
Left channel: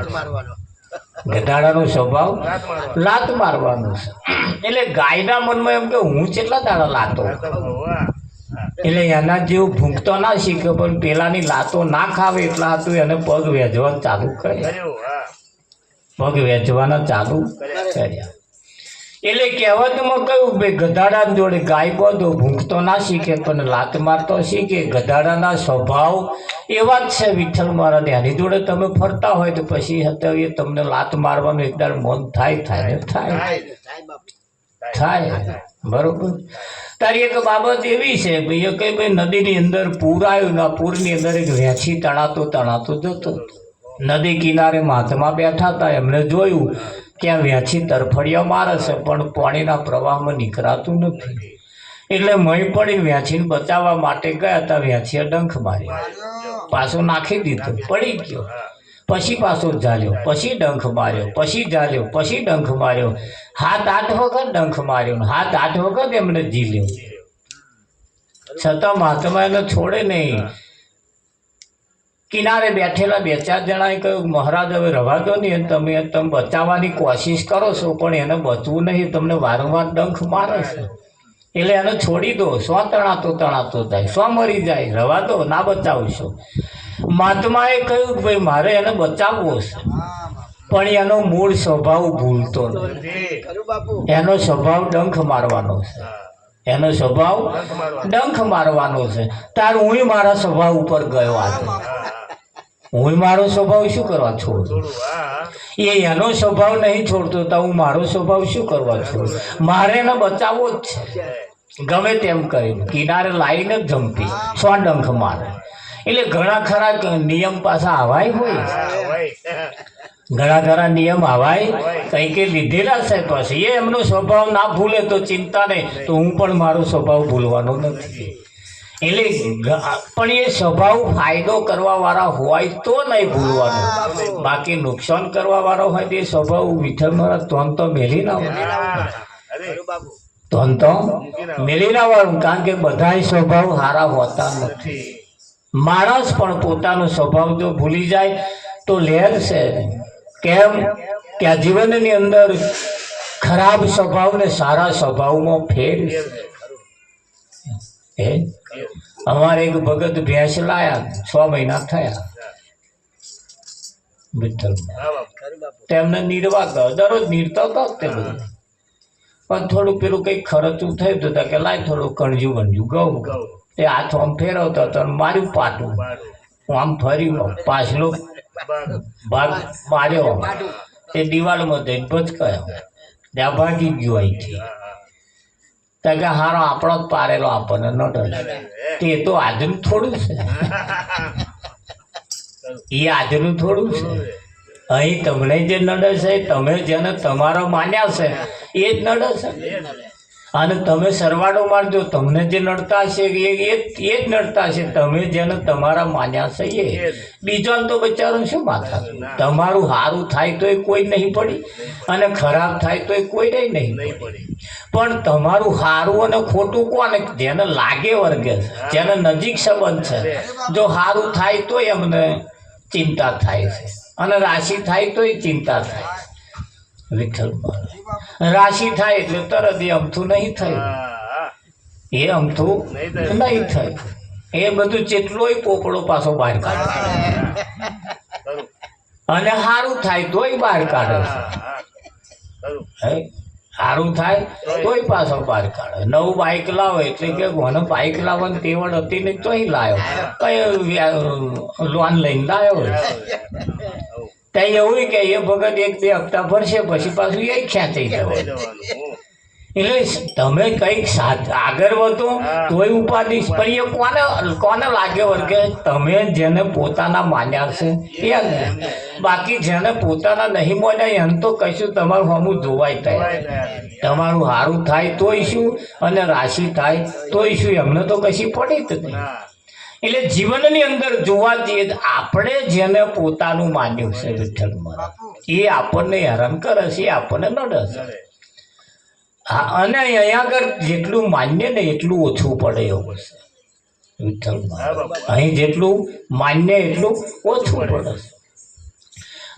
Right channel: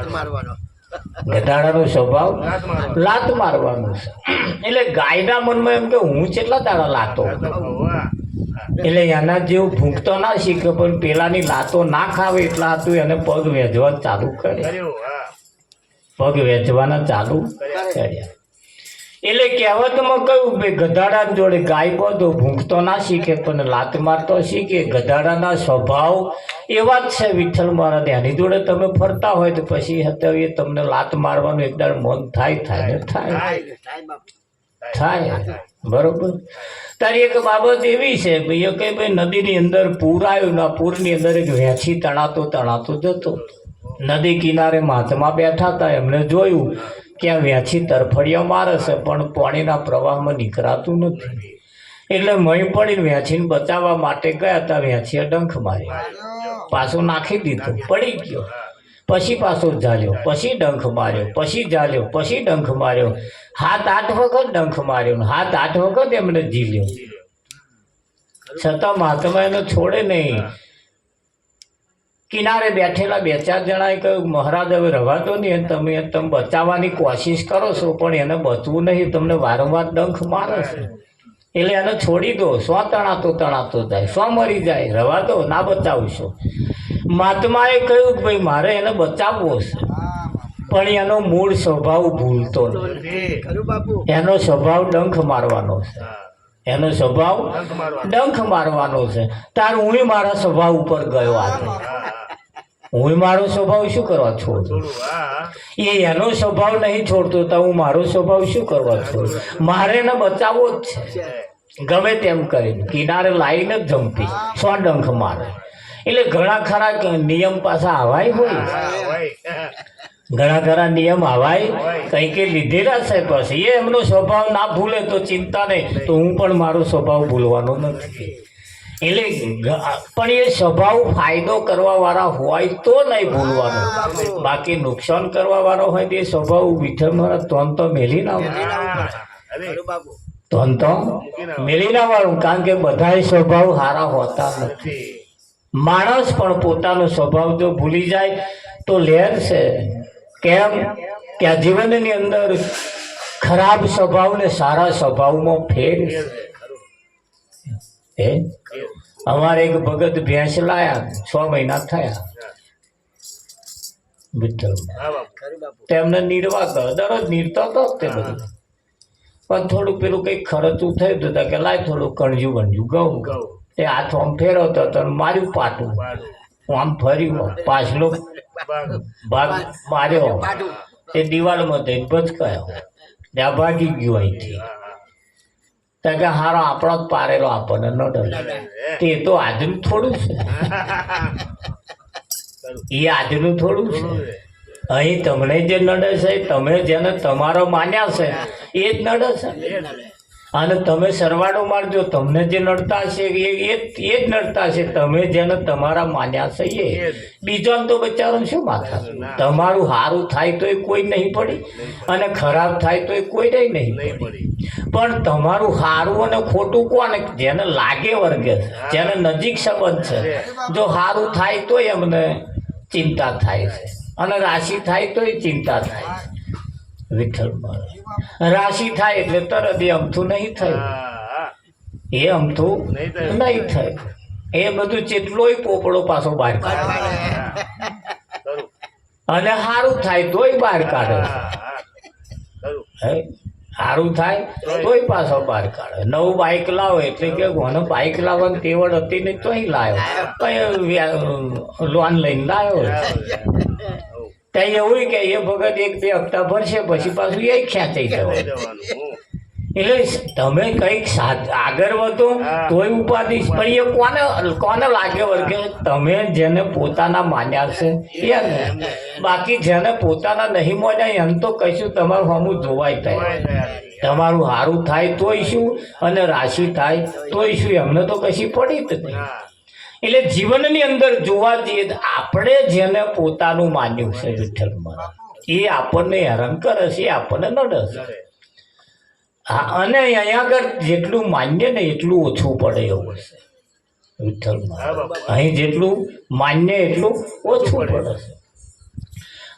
ગધાડાનો સ્વભાવ લાત મારવાનો છે એટલે ગાયના મનમાં એમ કે હું કેટલા દાડા લાતો એટલે એના જેવું ભૂંકતો ના શીખ્યો પણ પેલાની લાતો ના ખાવે એટલા હતું એને પગ વેચવા ચાલુ કર્યા એટલે કહેવતમાં કહ્યું ભાઈ ગધાડા જોડે ગાય બોધો ભૂંકતો ના શીખે પણ લાત મારતો શીખે ગધાડાના સ્વભાવ એવા જ છે વિઠ્ઠલ મહારાજ એની જોડે તમે ફરતા હોય તો પછી એ તમને લાત મારવાનું એકદમ મન થાય બરોબર તારી એક બાબત એવી છે ભાઈ કે ભાઈ નદીની અંદર પૂર આવ્યું ના પૂરની અંદર એક વેચી તણાતો જતો નદી કિનારે મહાત્મા બેઠા હતા એમને જોયું કે આ વેચી તરફડિયા મારે છે પણ પાણીના પ્રવાહમાં નીકળાતું નથી એટલે મય પડી વેચીને બચાવવા માટે ગયા હતા વેચીએ ડંખ મારી પાછો નાખી દીધો પડી ગયો પછી પાછો ઝાલ્યો પછી ડંખ માર્યો પછી ઝાલ્યો પછી ડંખ માર્યો 7-8 વખત ડંખ માર્યો 7-8 વખત એમને ઝીલ્યો છતાં મહાત્મા એને છોડે નહીં કિનારે બેઠેલા 2-4 જણાએ કહ્યું મહારાજ હવે રવા દો નહીં તમે બચાવવાની કોશિશ કરો છો પણ એને બચવું નહીં તમને વારંવાર ડંખ મારે છે એટલે એને છોડી દો. શું તણાતો જાય, શું મરી જાય, રવા દો, ના બચાવશો. મહાત્માએ કહ્યું કે ભાઈ મારે એને બચાવવો છે, પણ એનો મૂળ સ્વભાવ ભૂલતો નહીં. એનો સ્વભાવ ડંખ મારવાનો છે, એનો સ્વભાવ ડંખ મારવાનો છે. તાર હું મારા સ્વભાવ ઉપર ગયો આજે, હું મારો સ્વભાવ શું કરવા છોડું? એ એનો સ્વભાવ નહીં છોડતો તો હું મારો સ્વભાવ શું કરવા છોડું? મારે એને બચાવવો જ છે. ગમે તેમ કરીને કિનારે લાવીને જ જંપી, સો ડંખ મારે. એટલે ઘણા ખરા નિયમ પાછા આવાય હોય, ઘણા ખરા નિયમ આવાય કઈ કે લીધેલા છે. પછી એ એમનો સ્વભાવ ના ભૂલે તો ચિંતા નહીં, તો હું પણ મારો સ્વભાવ ભૂલવાનો નથી. એટલે પણ એ સ્વભાવ ફાયદો કરવા વાળા હોય તો નહીં ભૂલવાનું, બાકી નુકસાન કરવા વાળો હોય તો એ સ્વભાવ વિઠ્ઠલ મારા તોન તો મેલી ના તોન તો મેલી ના વાળું. કારણ કે બધા સ્વભાવ સારા હોતા નથી. માણસ પણ પોતાનો સ્વભાવ જો ભૂલી જાય તો લહેર છે. કેમ કે આ જીવનની અંદર ખરાબ સ્વભાવને સારા સ્વભાવમાં ફેર છે. અમારે એક ભગત ભેંસ લાયા, 6 મહિના થયા વિઠ્ઠલમાં. તેમને નીરવા ગયો, દરરોજ નીરતો હતો તે બધું. પણ થોડું પેલું કંઈક ખર્ચું થયું હતું કે લાય થોડું કણજું બણજું ઘઉં. એ હાથ આમ ફેરવતો હતો, માર્યું પાટું, આમ ફર્યું, પાછલો ભાગ માર્યો, એ દિવાલમાં જઈને ભચકાયો, ત્યાં ભાગી ગયો અહીંથી. ત્યાં કે હારો આપણો જ પારેલો આપણને ન ડરે. તે તો આજનું થોડું છે, એ આજનું થોડું છે. અહીં તમને જે નડે છે, તમે જેને તમારો માન્યા છે એ જ નડે છે. અને તમે સરવાળો મારજો, તમને જે નડતા હશે એ જ નડતા હશે. તમે જેને તમારા માન્યા છે એ બીજાને તો બચારો શું માથા. તમારું સારું થાય તો એ કોઈ નહીં પડી, અને ખરાબ થાય તો એ કોઈ નહીં પડી. પણ તમારું સારું અને ખોટું કોને? જેને લાગે વર્ગે છે, જેને નજીક સંબંધ છે. જો સારું થાય તો એમને ચિંતા થાય છે, અને રાશિ થાય તો એ ચિંતા થાય. વિઠ્ઠલમાં રાશિ થાય એટલે તરત એ અમથું નહીં થયું, એ અમથું નહીં થયું. એ બધું જેટલોય પોપડો પાછો બહાર કાઢે, અને સારું થાય તોય બહાર કાઢે. સારું થાય તોય પાછો બહાર કાઢે. નવું બાઇક લાવો એટલે કે મને બાઇક લાવવાની તેવડ હતી ને તોય લાવ્યો, લોન લઈને લાવ્યો. ત્યાં એવું કે એ ભગત 1-2 હપ્તા ભરશે પછી પાછું એ ખેંચાઈ જવાય. એટલે તમે કંઈક આગળ વધો તોય ઉપાધિ. પણ એ કોને લાગે વર્ગે? તમે જેને પોતાના માન્યા છે એને. બાકી જેને પોતાના નહીં માન્યા એને તો કશું તમારું હમું જોવાય થાય. તમારું સારું થાય તોય શું, અને રાશિ થાય તોય શું, એમને તો કશી પડી જ નહીં. એટલે જીવનની અંદર જોવા જઈએ તો આપણે જેને પોતાનું માન્યું છે વિઠ્ઠલમાં, એ આપણને હેરાન કરે છે, એ આપણને નડે છે. અને અહીંયા આગળ જેટલું માન્ય ને એટલું ઓછું પડે એવું છે વિઠ્ઠલમાં. અહીં જેટલું માન્ય એટલું ઓછું પડે છે.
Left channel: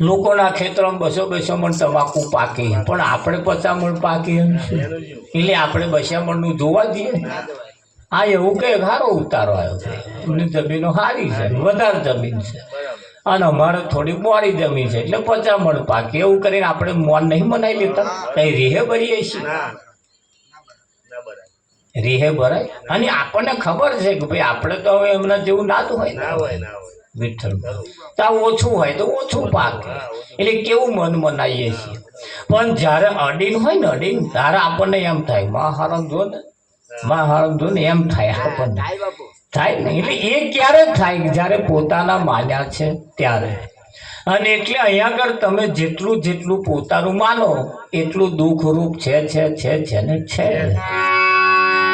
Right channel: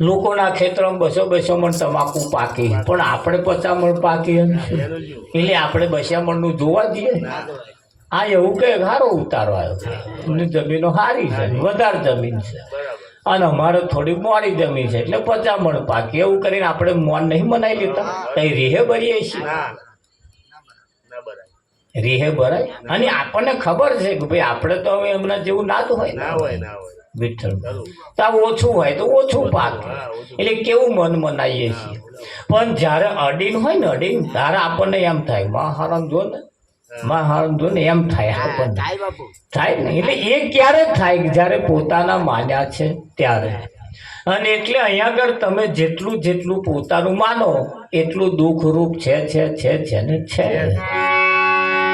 લોકોના ખેતરમાં 200 મણ તમાકુ પાકી, પણ આપણે 50 મણ પાકી એમ છે. એટલે આપણે 200 મણનું જોવા જઈએ. આ એવું કે સારો ઉતારો આવ્યો છે, એમની જમીનો સારી છે, વધારે જમીન છે, અને અમારે થોડી મોડી જમીન છે એટલે 50 મણ પાકી. એવું કરીને આપણે મોન નહીં મનાવી લેતા, કઈ રીહે ભરીએ છીએ, રીહે ભરાય. અને આપણને ખબર છે કે ભાઈ આપણે તો હવે એમના જેવું ના તો હોય વિઠ્ઠલ. ત્યાં ઓછું હોય તો ઓછું પાકે, એટલે કેવું મન મનાવીએ છીએ. પણ જ્યારે અડીન હોય ને, અડીન ત્યારે આપણને એમ થાય માં હારામ જો ને, માં હારામ જો ને, એમ થાય આપણને, થાય ને. એટલે એ ક્યારે થાય? જ્યારે પોતાના માન્યા છે ત્યારે. અને એટલે અહીંયા આગળ તમે જેટલું જેટલું પોતાનું માનો એટલું દુઃખરૂપ છે ને છે.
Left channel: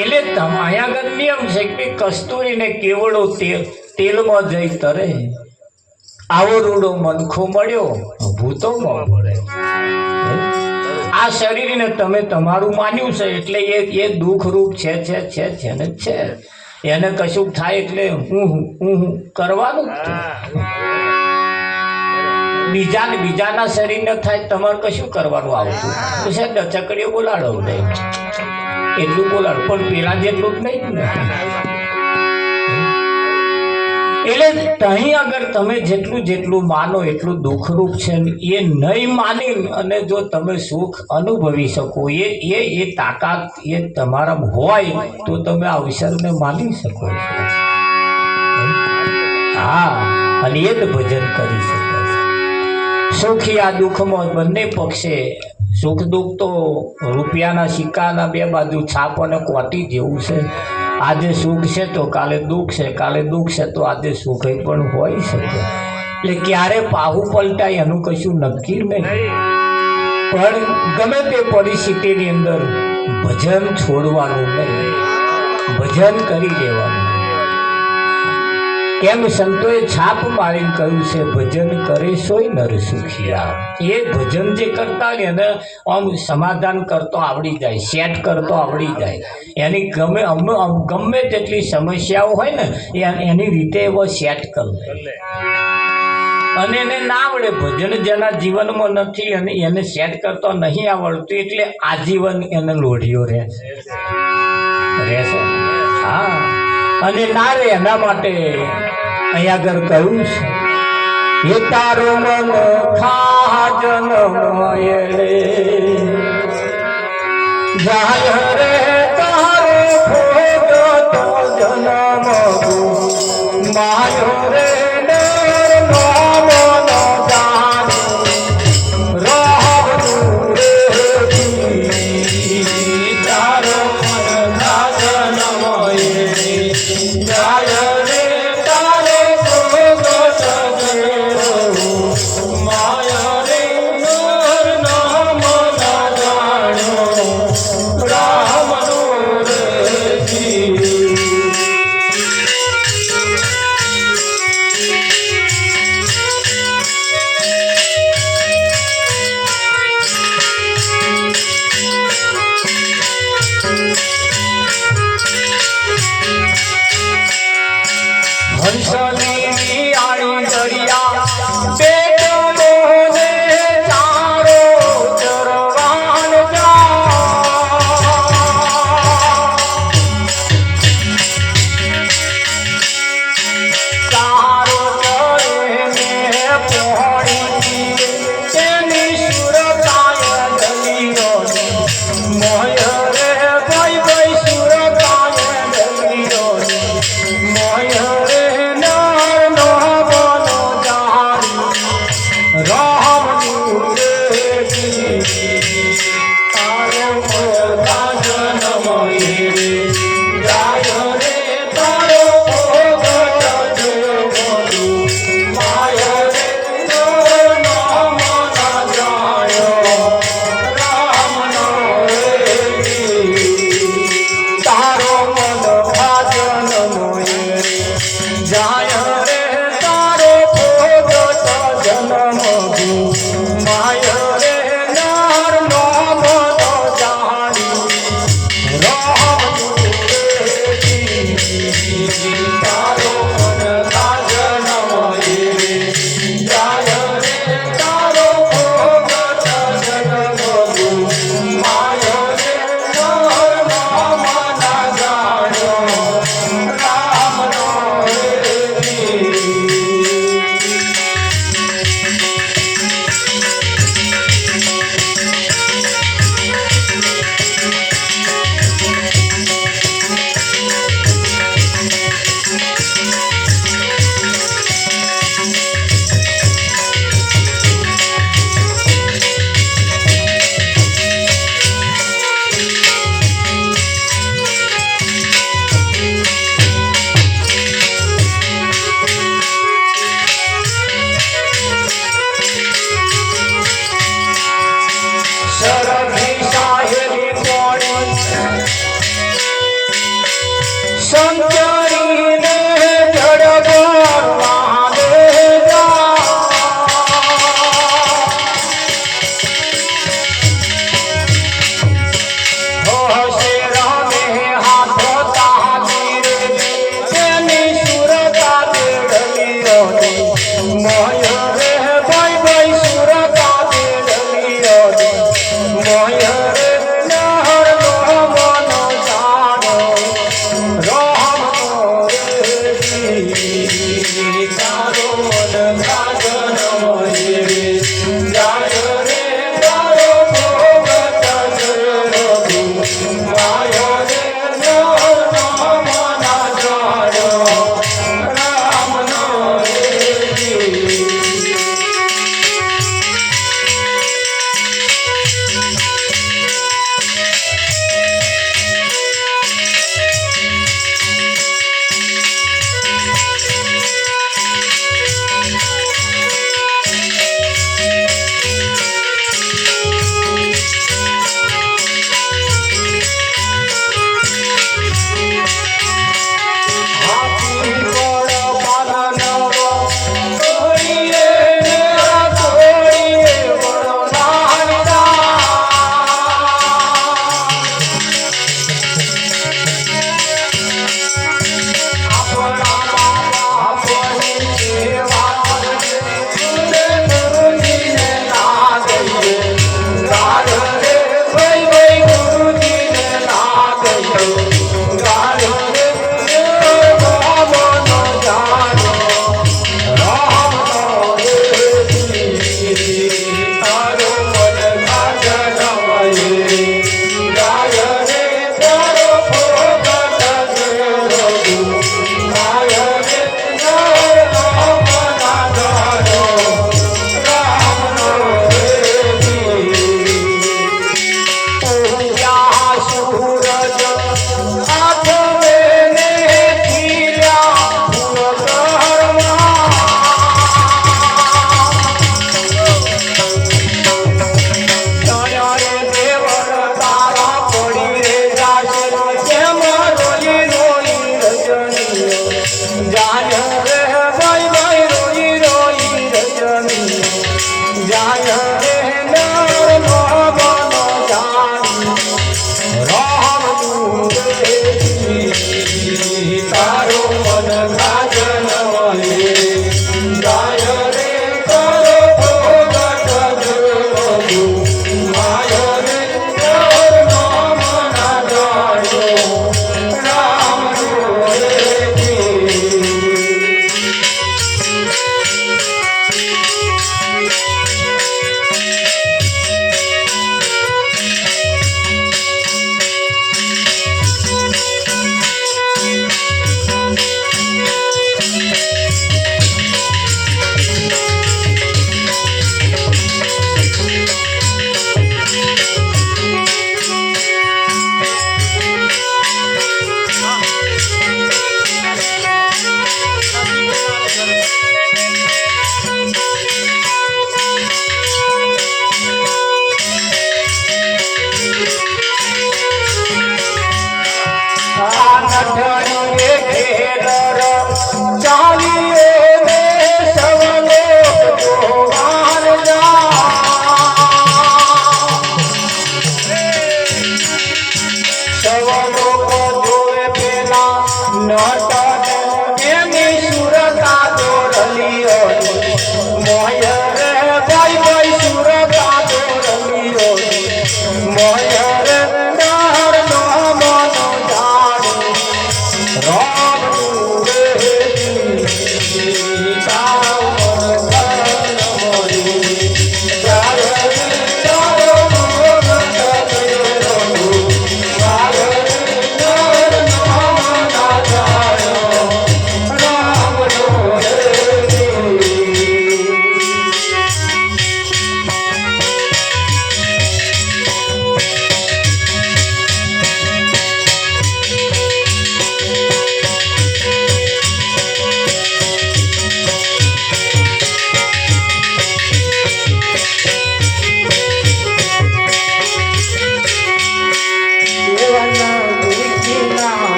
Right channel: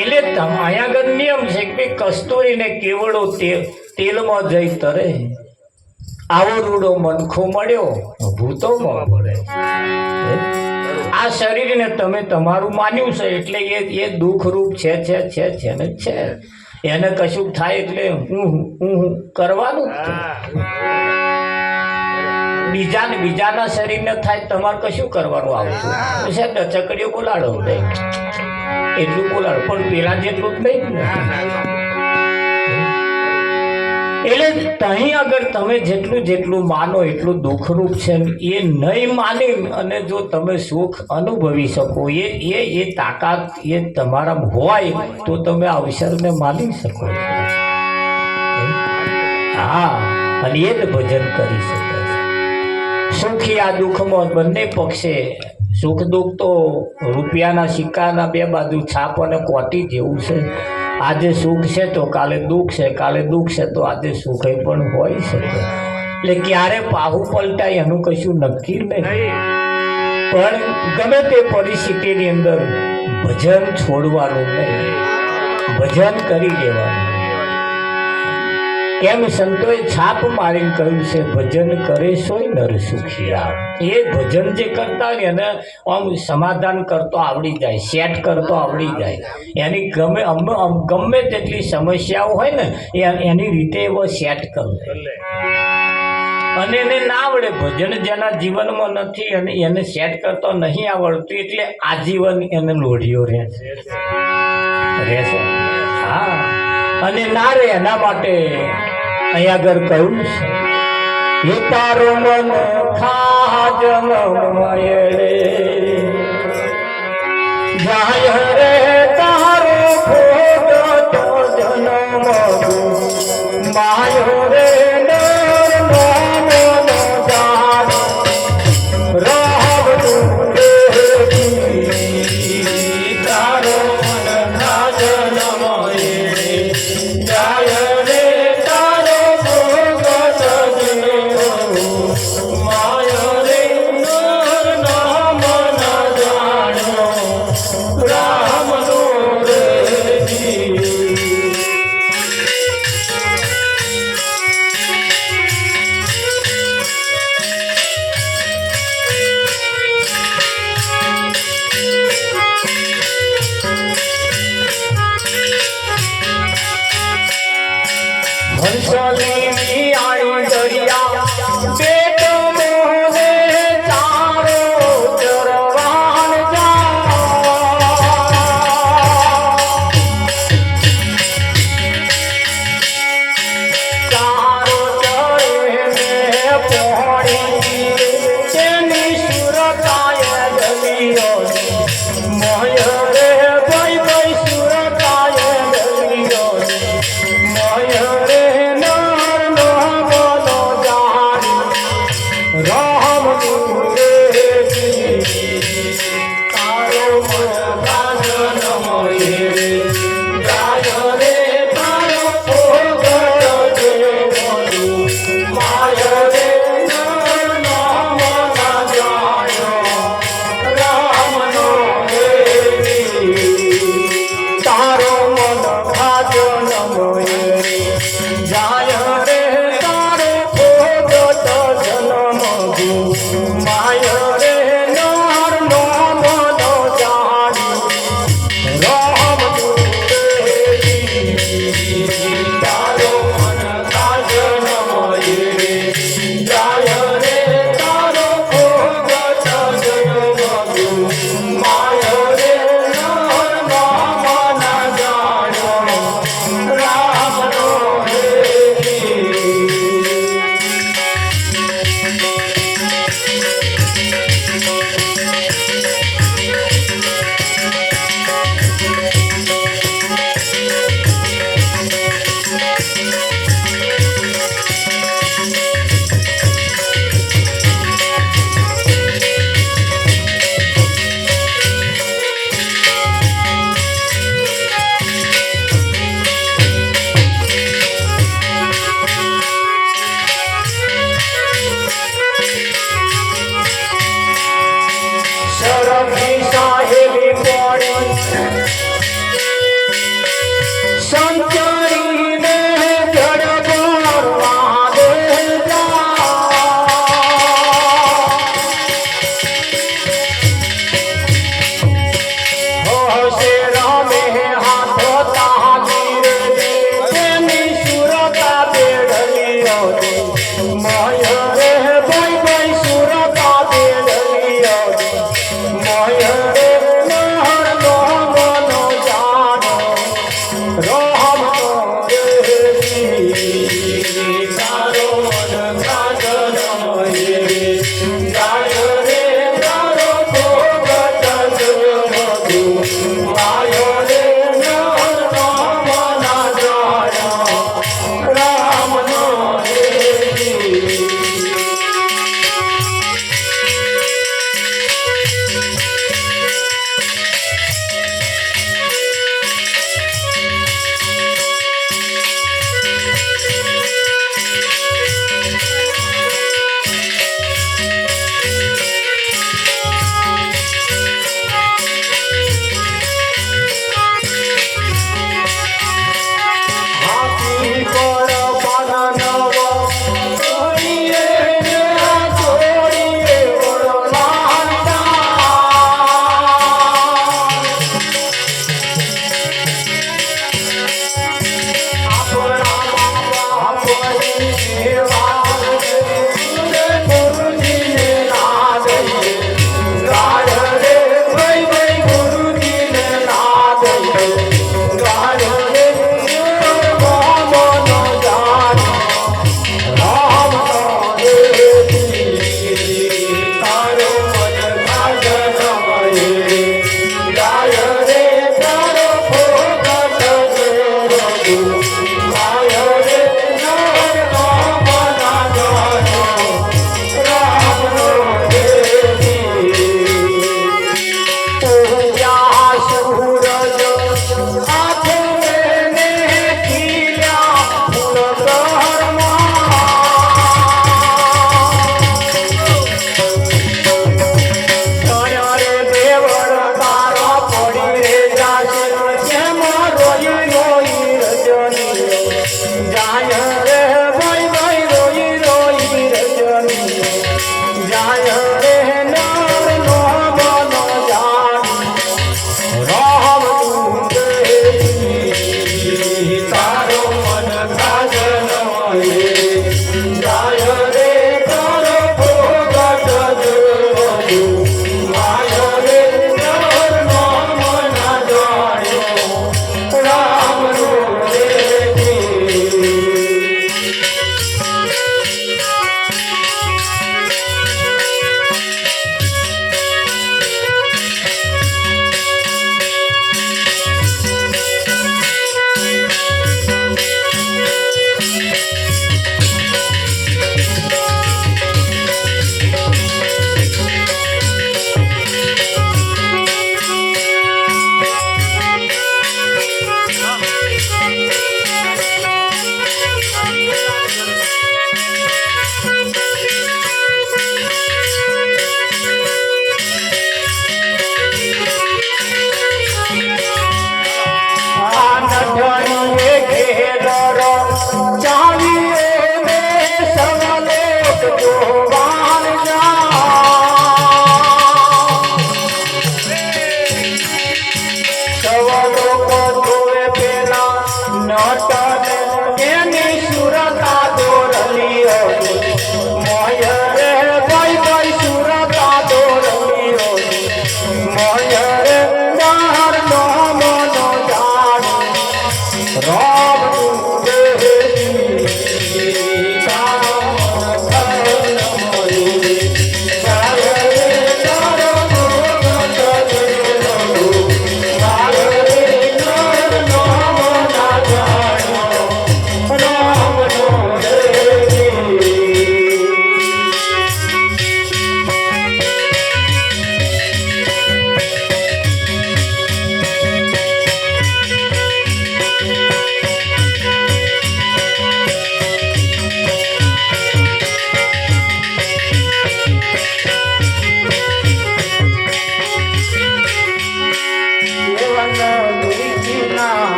એટલે અહીંયા આગળ નિયમ છે કે કસ્તુરીને કેવડો તેલમાં જઈ તરે, આવો રૂડો મનખો મળ્યો ભૂતોમાં પડે. આ શરીરને તમે તમારું માન્યું છે એટલે એ દુઃખરૂપ છે ને છે. એને કશું થાય એટલે હું કરવાનું જ. બીજાના શરીરને થાય તમારે કશું કરવાનું આવતું છે. ચકડીઓ બોલાડો એટલું બોલાડ પણ પેલા જેટલું જ નહીં ને. એટલે તહીં આગળ તમે જેટલું જેટલું માનો એટલું દુઃખરૂપ છે ને એ નહીં માની અને જો તમે સુખ અનુભવી શકો એ તાકાત એ તમારા હોય તો તમે આ અવસરને માની શકો છો. હા, અને એ જ ભજન કરી શકે છે. સુખી આ દુઃખમાં બંને પક્ષે સુખ દુઃખ તો રૂપિયાના સિક્કાના બે બાજુ છાપ અને કોટી જેવું છે. આજે સુખ છે તો કાલે દુઃખ છે, કાલે દુઃખ છે તો આજે સુખ પણ હોય શકે. એટલે ક્યારે પાહુ પલટાય એનું કશું નક્કી નહીં. પણ ગમે તે પરિસ્થિતિની અંદર ભજન છોડવાનું નહીં, ભજન કરી લેવાનું. કેમ સંતોએ છાપ મારીને કહ્યું છે ભજન કરે સોય નર સુખિયા. એ ભજન જે કરતા હોય એને આમ સમાધાન કરતો આવડી જાય, સેટ કરતો આવડી જાય. એની ગમે તેટલી સમસ્યાઓ હોય ને એની રીતે એવો સેટ કરી લે. અને એને ના આવડે ભજન જેના જીવનમાં નથી અને એને સેટ કરતો નહીં આવડતું એટલે આજીવન એને લોઢિયો રહેશે. હા, અને ના રે એના માટે અહીંયા આગળ કહ્યું છે એ તારો મન ખાજન રે જાય રે તારો ફોટો જન્મ માયો રે મોય રે ના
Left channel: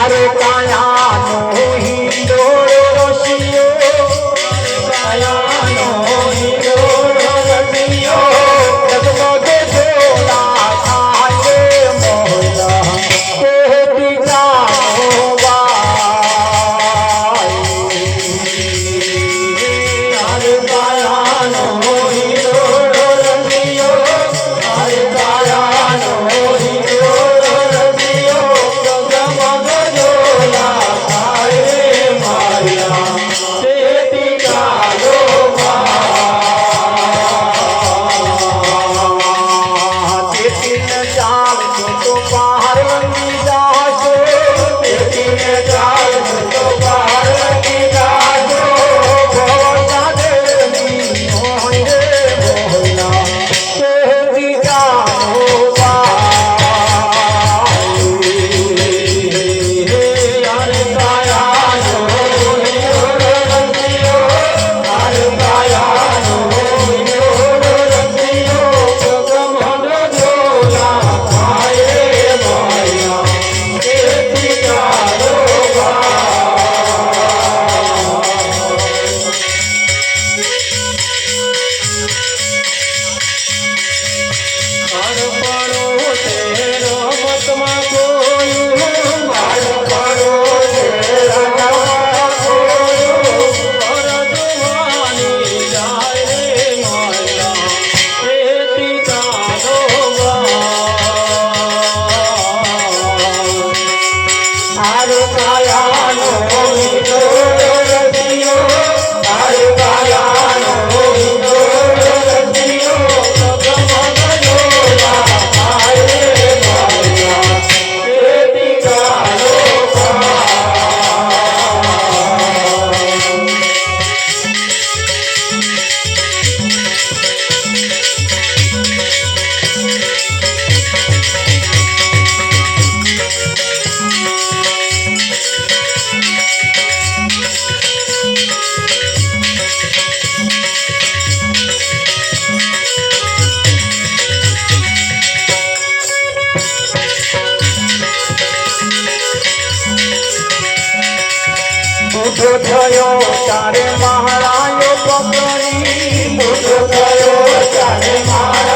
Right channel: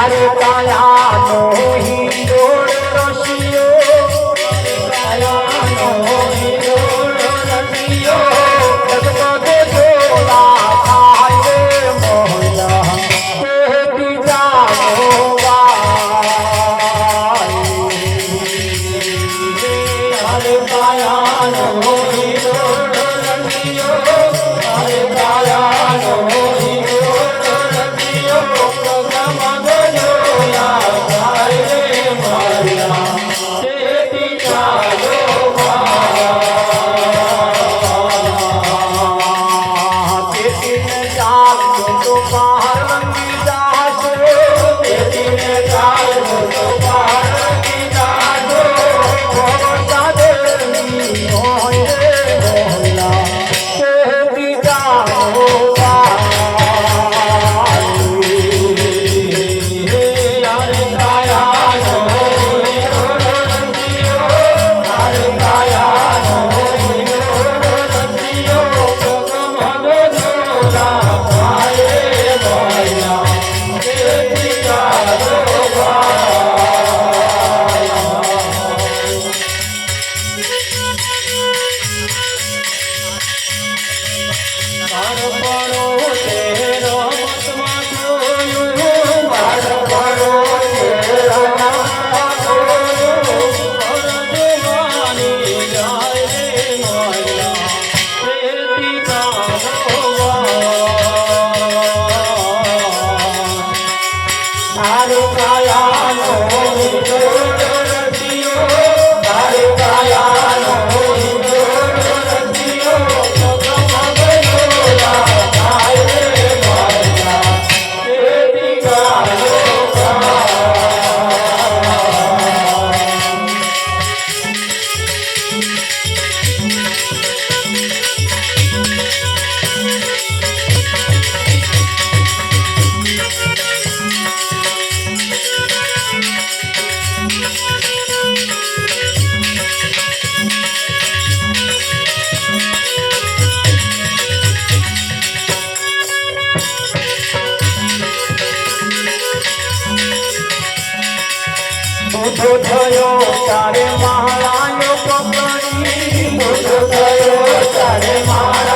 અરે કાયાનો હિંડોળો રસિયો કાયાનો હિંડોળો રસિયો જગમગ જોડા થાય મોહલા તે બીજાનો અરે કાયાનો હિંડોળો રસિયો અરે કાયાનો હિંડોળો રસિયો જગમગ જોડા થાય માયા તે બીજાનો તો બહાર રંગી જાશો તેતીને ચાલ તો બહાર રંગી જાશો ભવતા દેવી હોય મોહલા તે બીજાનો અરે કાયાનો હિંડોળો રસિયો અરે કાયાનો હિંડોળો રસિયો જગમગ જોડા થાય મોહલા તે બીજાનો બાળપણો તે રમતમાં જોયું બાળપણો તે રમતમાં જોયું પરજવાની જાય મોહલા તે બીજાનો અરે કાયાનો હિંડોળો રસિયો અરે કાયાનો હિંડોળો રસિયો જગમગ જોડા થાય મોહલા તે બીજાનો મોટો થયો તારે મહારાજો પકડી મોટો થયો તારે મહારાજ